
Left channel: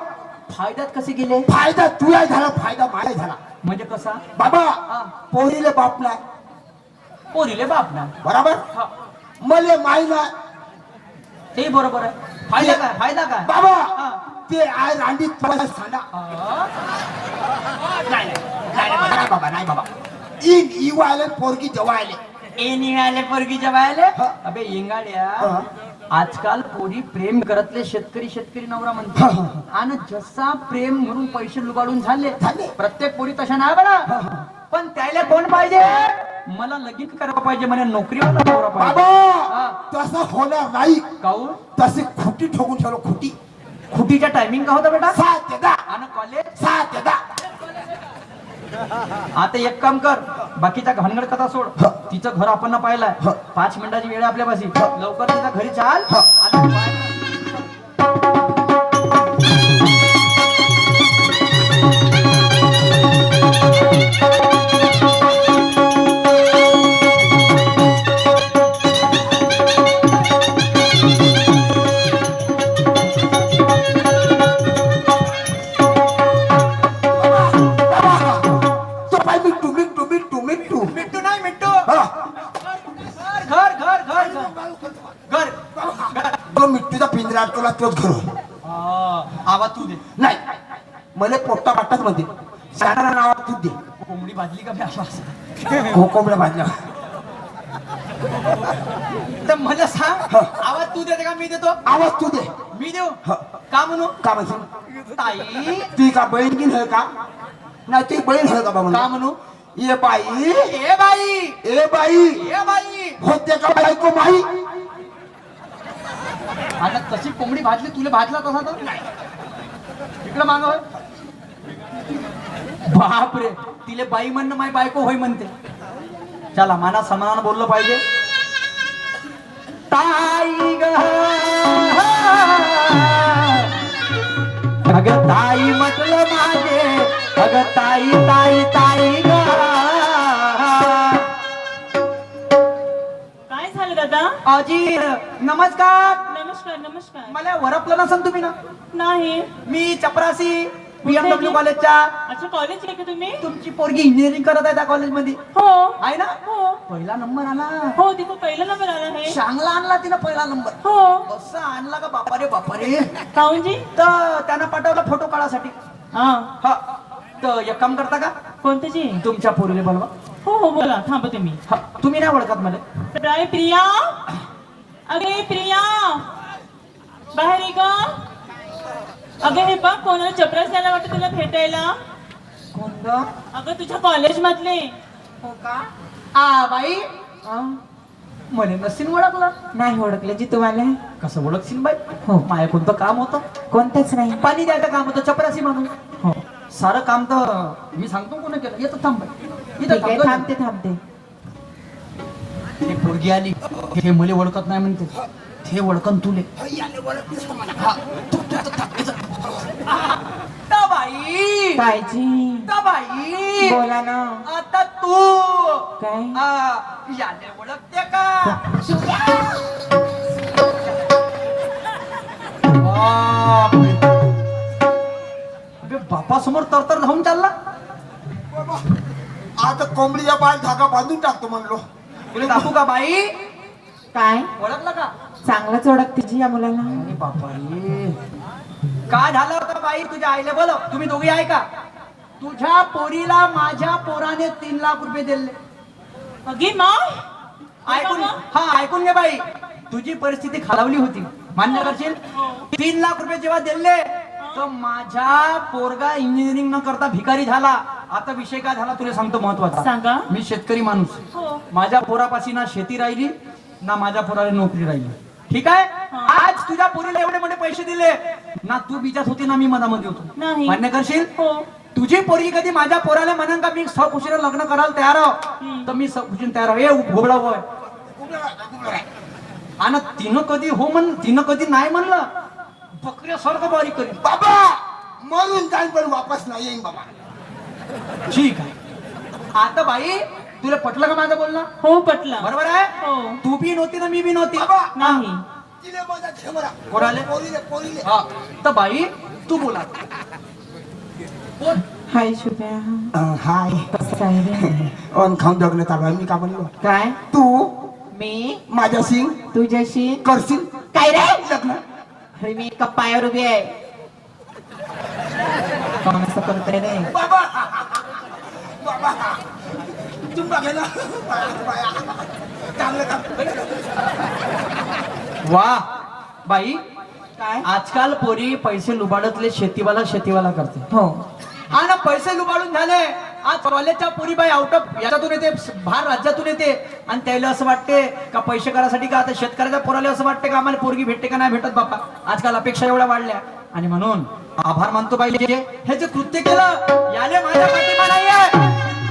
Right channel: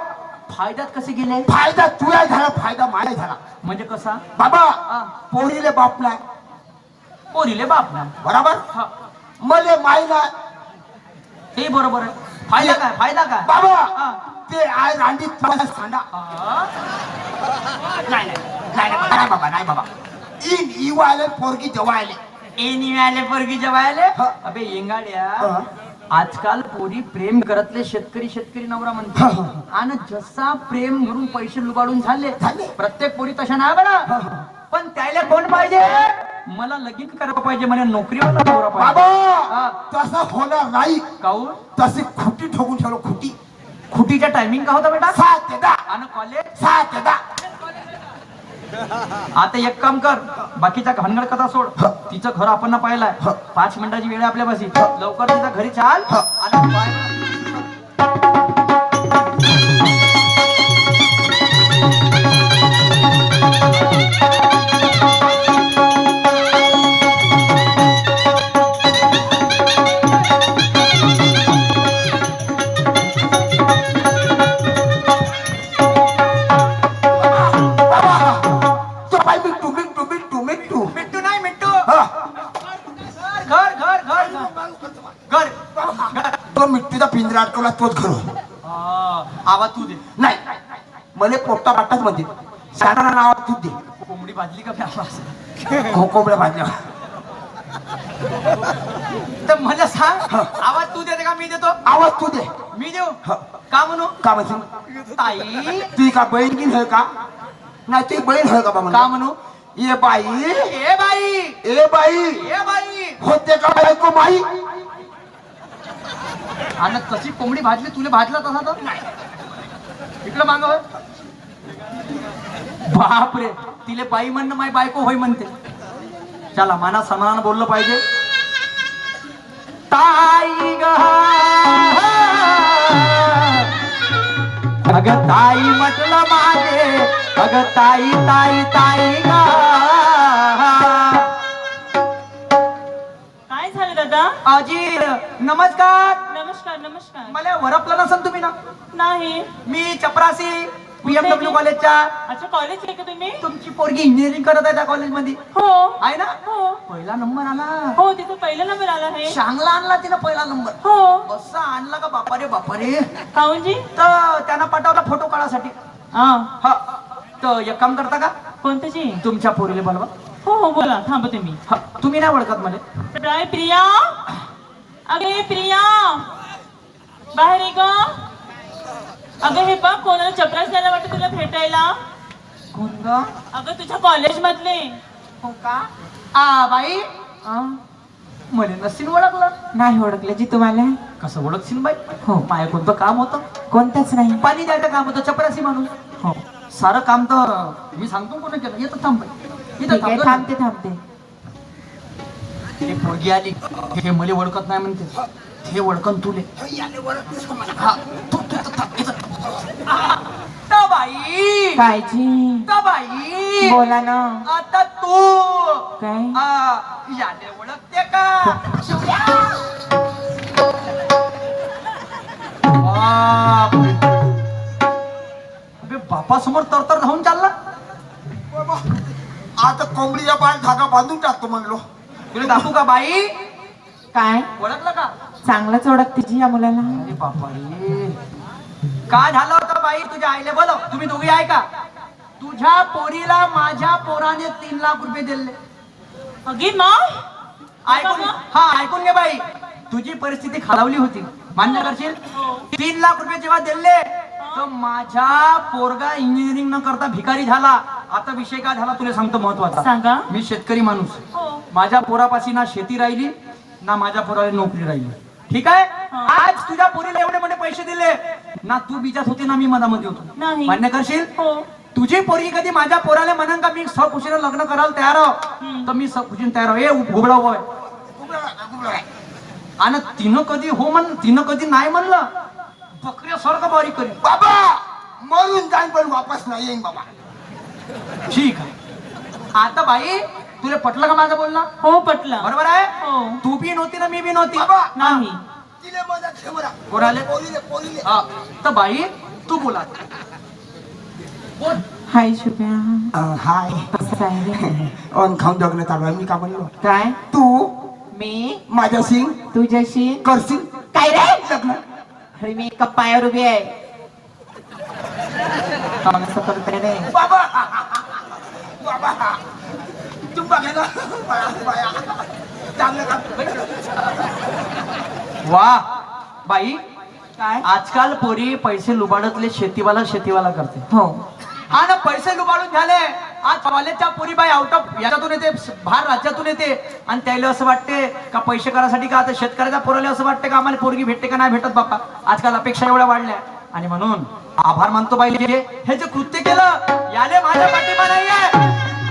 फायद्यात कसे गेले फायदा तुझ्या झाला फायदा माझा झाला म्हणजे कसा बाबा हा. पोरीले बाप नाही पोरीले बाप ना बरोबर हा मले माय नाही हे बरोबर आहे फायदा काय बाबा हा ते आय रांडी तुला सांडा नाही नाही नाही नाही बाबा, नाही बाबा नाही बाबा इन इवाले पोरगी जवळ आले ए निघाले पोरगी जवायले हा. अबे येंगाड्या हा. आजकाल पोरी प्रेम करतले शेतकरी शेतकरी नवरा म्हणते आणि जसा प्रेम म्हणून पैसे लुबाडून झाले झाले. प्रत्येक पोरी तशा नाही बघा पण त्याला कोण पाहिजे मला लगीन करायला पाहिजे म्हणे नोकरीवाला नवरा पाहिजे बाबा हा. तसं होणार नाही काऊन तशी खुटी ठोकून ठेवलो खुटी खुटीचा टायमिंग का होता बेटा 7 ते 10 आणि कॉलेज 7 ते 10 आता एक काम कर बाकीचा घनगड कथा सोड ह. तिचं घर आपण पाहिलंय ह. 5 मिनिटाची वेळ आहे आपल्यापाशी लवकर तिच्या घरी चाल ह. आणि बाय. बाबा तो बाई मिट्टू मिट्टू मिट्टू मिट्टू मिट्टू नाही मिट्टू हा घर घर घर घर घर तो मिट्टूचा पिंजरा अडकवला तोच घर होय. आवाज तू दे नाही मला पोट्टा पाट्टाच म्हणते शाळा नावात तू दे कोंबडी भाजली का आवाज कोंबड्या भाजल्या तर मला सांग ह. आवाज तू देते का मी देतो आवाज तू दे मी देऊ ह. का म्हणू का म्हणते ताई ती का बहीण की आहे का नाही ती बहीण आहे का बाबा का म्हणू ये बाई ए बाई ए बाई ए बाई होते का बायको माई आणि तशी कोंबडी भाजली तुला भाजला तसा तर नाही इकडं माग बाप रे तिले बाई म्हणणं माय बायको होय म्हणते चला माना समान बोललं पाहिजे ताई ग अग ताई म्हटलं माझे अग ताई ताई ताई ग काय झालं दादा अजीर नमस्कार नमस्कार नमस्कार मला वरपलं नसन तुम्ही ना नाही मी चपरासी बीएमडब्ल्यू कॉलेजच्या अच्छा कॉलेज आहे का तुम्ही तुमची पोरगी इंजिनिअरिंग करत आहे त्या कॉलेजमध्ये हो आहे ना हो पहिला नंबर आला हो तिथं पहिला नंबर आला आहे चांगला आणला तिला पहिला नंबर हो असा आणला का बापारे बापारे काऊनजी तर त्यांना पाठवला फोटो काढासाठी हा हा तर एक काम करता का कोणत्याची तुमच्या पोरीला बोलवा हो हो बोला थांबते मी हा, तुम्ही नाही ओळखत मला काय प्रिया अगे प्रिया बाहेर ये ग अगं हे बघ कोणाला चपरास द्यायला वाटतं तुला भेटायला कोण ग अगं तुझ्या कॉलेज मधले हो का आ बाई म्हणे नसीन ओळखलं नाही ओळखलं जी तुम्हाला कसं ओळखशील बाई हो. माया कोणतं काम होतं कोणतंच नाही पाणी द्यायचं काम होतं चपरासी माणूस हो सारं काम तर मी सांगतो कोण केलं येतं थांब बाई. इथं ठीक आहे थांब. थांबते थांबते एक पोरगी आली हे मुली ओळखत नाही म्हणते हे ओळखन तुले हा, तू इथं थांब, इथं. आता बाई कायची आता बाई बोला ना आता तू काय याने ओळखते का बापरे. अबे बापासमोर तर धावून चालला आता कोंबडीच्या पाय धागा बांधून टाकतो म्हणलो तुला दाखवू का बाई काय ओळखलं का चांगलंच ओळखते जी या मुलाला अरे बापा रे काय झालं होतं बाई तुझ्या आईला बोलव तुम्ही दोघी आहे का तुझ्या पोरीला माझ्या पोराने 3 लाख रुपये दिले अगे मग ऐकून हा ऐकून घे बाई तुझी परिस्थिती खालावली होती मान्य करशील 3 लाख रुपये जेव्हा दिले तर माझ्या पोरगा इंजिनिअरिंग न करता भिकारी झाला आता विषय काय झाला तुला सांगतो महत्वाचा सांगा मी शेतकरी माणूस हो माझ्या पोरापाशी ना शेती राहिली ना माझ्या पोराला नोकरी राहिली ठीक आहे आज तुझ्या पोरीला एवढे मोठे पैसे दिले ना तू बिजात होती ना मी मधामध्ये होतो नाही. मान्य करशील हो तुझी पोरगी कधी माझ्या पोराला म्हणन का मी सकुशीने लग्न करायला तयार आहो तर मी सकुशीने तयार आहो ए घोबडा होय आणि तिनं कधी नाही म्हणलं बकऱ्यासारखं बारीक करी बाबा मरून जाईन पण वापस नाही येईन बाबा ठीक आहे आता बाई तुला पटलं का माझं बोलणं हो पटला बरोबर आहे हो तू बी नव्हती ना मी बी नव्हती बाबा नाही तिले मजा ठेवरा कोणाले? पोरीले हा तर बाई तू बोला बोल हाय शुभ्या हाय कसं आहे रे ऑन खाऊन जगणं चालू आहे मी का म्हणलो काय तू मी माझ्याशी तुझ्याशी करशील काय रे लग्न अरे मी एका पायावर उभी आहे काम असं करते नाही. बाबा बाबा तुम बघे ना बाया चांगलं काम वा बाई, काय आजकाल पोरी पैसे लुबाडतले शेतीवाला करते. हो आणि पैसे लुबाडून झाले. आज कॉलेजच्या पुरी बाई आउट ऑफ याच्यातून येते, बाहेर राज्यातून येते आणि त्याला असं वाटते का पैसे करायसाठी का आता शेतकऱ्याच्या पोराला असं वाटते का आम्हाला पोरगी भेटते का नाही भेटत बापा. आजकाल अपेक्षा एवढ्या वाढल्या आणि म्हणून आभार मानतो बाई हे जे कृत्य केलं याले माझ्या पाठिंबा नाहीये,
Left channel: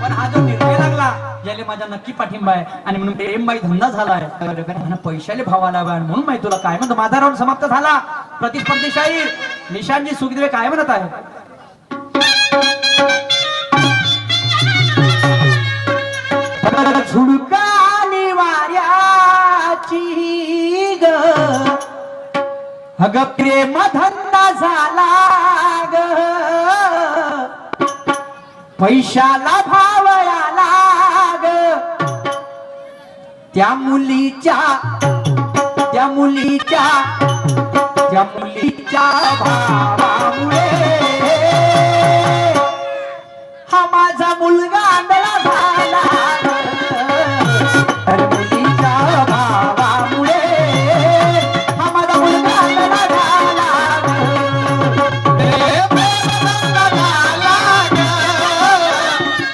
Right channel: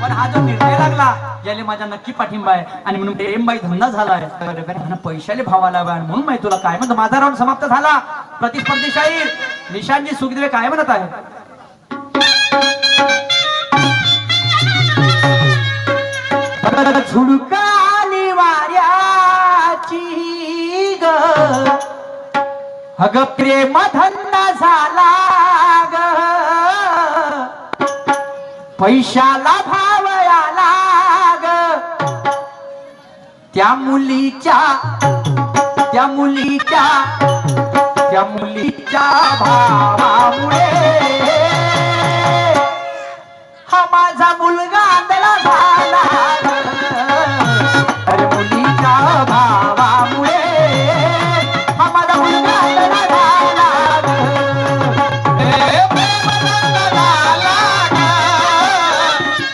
पण हा जो निर्णय लागला याले माझा नक्की पाठिंबा आहे. आणि म्हणून प्रेमबाई धंदा झालाय म्हणून पैशाले भाव आला आणि म्हणून माहिती तुला काय म्हणतो. माझा राऊंड समाप्त झाला. प्रतिस्पर्धी शाहीर निशांतजी सुखदेव काय म्हणत आहे. झुडकाली वाऱ्याची ग अग प्रेम धंदा झाला ग, पैशाला भाव आला ग, त्या मुलीच्या भावामुळे हा माझा मुलगा आंधळा झाला ग, मुलीच्या भावामुळे हा माझा मुलगा आंधळा झाला ग.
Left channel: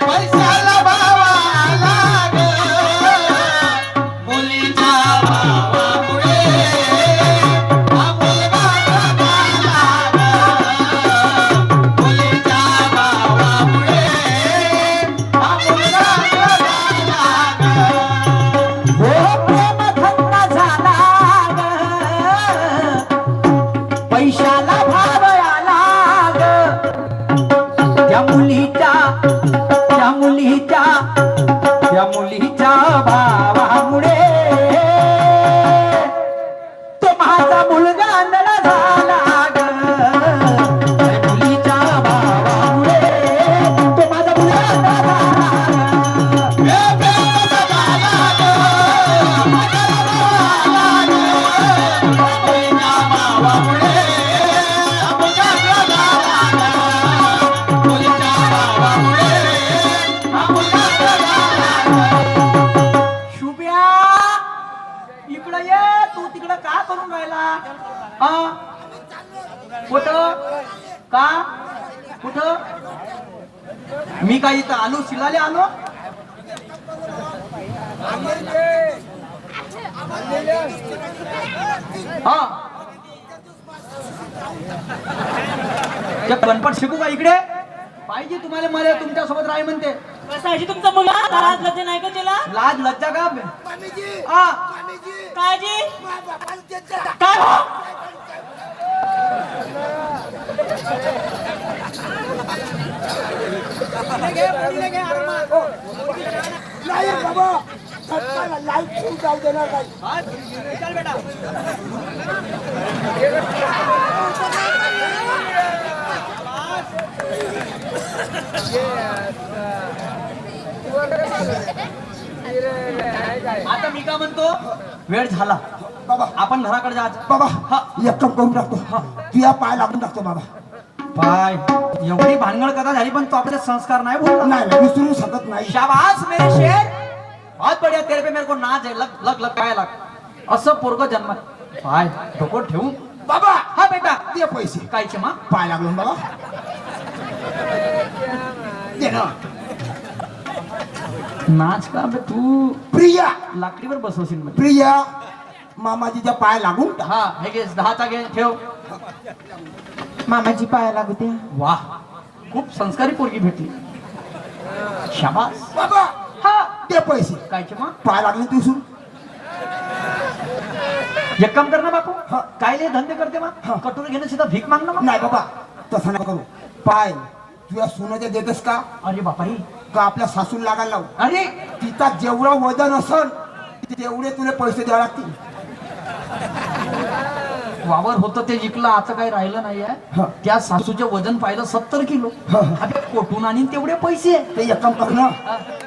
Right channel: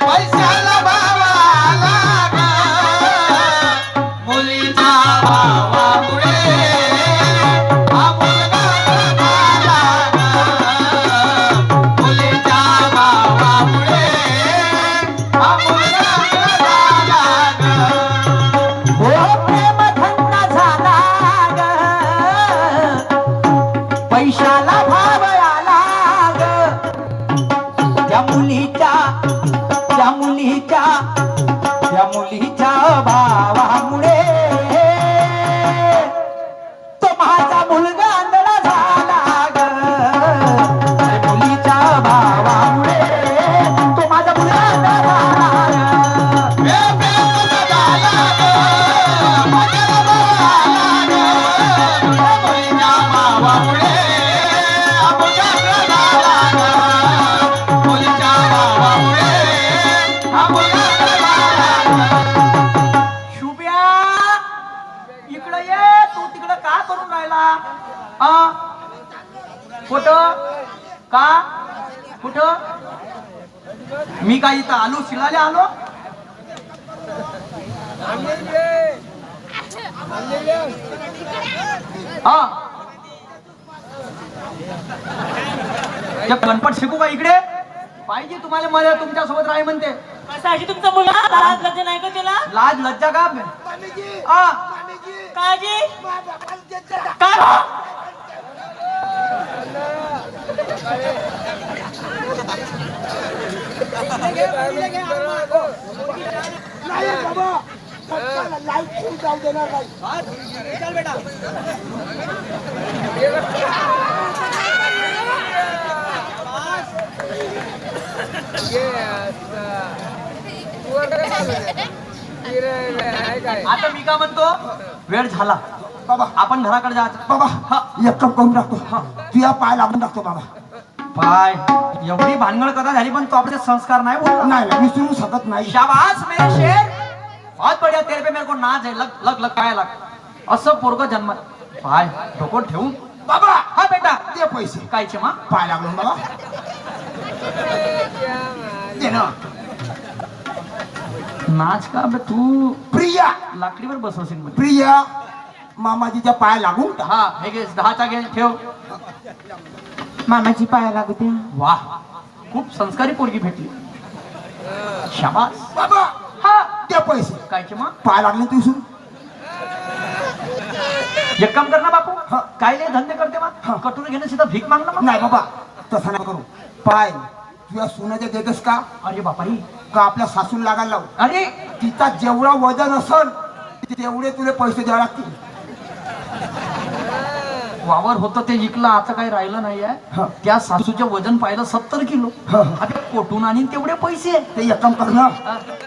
पैशाला भाव आला ग, मुलीच्या भावामुळे हा मुलगा झाला ग, मुलीच्या भावामुळे हा मुलगा झाला ग. हो प्रेम धंदा झाला ग, पैशाला भाव आला ग, त्या मुलीच्या भावामुळे तो माझा मुलगा आंधळा झाला ग, त्या मुलीच्या भावामुळे तो माझा मुलगा आंधळा झाला ग. शुभ्या इकडं ये. तू तिकडं का करून राहिला? कुठं का कुठं? मी काय इथं आलो शिलाले आलो? हा ते गणपत शिकू का इकडे? पाहिजे तुम्हाला मला तुमच्या सोबत राही म्हणते. कसाची तुमचा मुलगा लाज लज्जा नाही का तिला? लाज लज्जा का? हा काळजी काय हो? आता मी का म्हणतो वेळ झाला बाबा आपण घराकडे जायचं. बाबा हा. एक काम करून टाकतो तुझ्या पाय लागून टाकतो बाबा. पाय एवढी भानगड कथा झाली पण तो आपले संस्कार नाही बोलला. नाही विसरू शकत नाही. शाबाश मेरे शेर, बहुत बढ़िया. तेरे पे मेरे को नाच है. लग लग लग काय लाग असं पोरग जन्मात. पाय डोकं ठेवून बाबा हा बेटा दे पैसे. कायचे मा पाय लागलो बाबा दे ना. नाच का बे तू प्रिया लाकडीवर बसवशील म्हणजे. प्रिया मामाजीच्या पाय लागून टाक. हा हे घे 10चा घे ठेव. मामाची पाया लागू द्या. वाह खूप संस्कारी पोरगी भेटली. शाबास. बाबा हा दे पैसे. कायचे मा पाय लागले तू विसरून. एक काम कर ना बापू. हा. काय लय धंदे करते मा कटोरी घेणं सीधा भीक मागणं मग. नाही बाबा तसं नाही करू. पाय तुझ्या सोन्याच्या देतस का अरे बापारी. का आपल्या सासून लागायला लावू. अरे तिचा जेवढं वजन असल तेवढे तुला पैसे द्यावे लागतील. वावर होतं ते विकलं आता काही राहिलं नाहीये. हा. त्या सासूचे वजन पाहिलं 70 किलो. हा. आता कोटून आणि तेवढे पैसे ते एक काम कर ना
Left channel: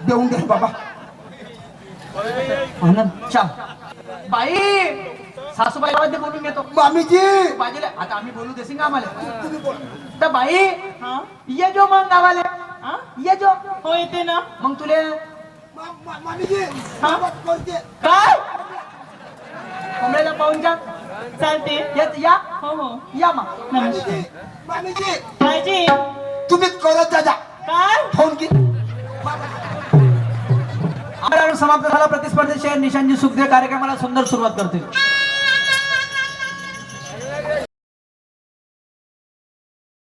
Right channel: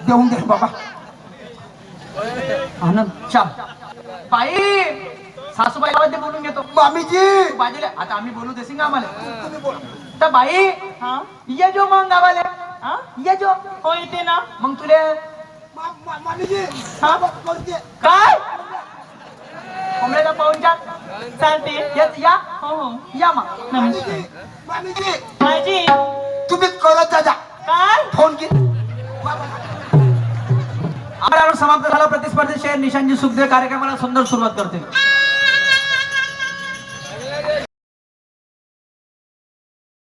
देऊन दे बाबा. आनंद चाल बाई सासूबाई गावात बोलून घेतो मामीजी बाजूला आता आम्ही बोलू देसिंग आम्हाला तुम्ही बोला. तर बाई हा ये जो मग गावाला हा ये जो हो येते ना मग तुले मामीजी हा? कोणते काय कोंबड्याला पाहून जा चालते या हो हो या मग नमस्कार मामीजी मायजी तुम्ही करत जा काय फोन की आपला समाप्त झाला प्रतिस्पर्धी शेअर निशांजी सुखदेव कार्यक्रमाला सुंदर सुरुवात करते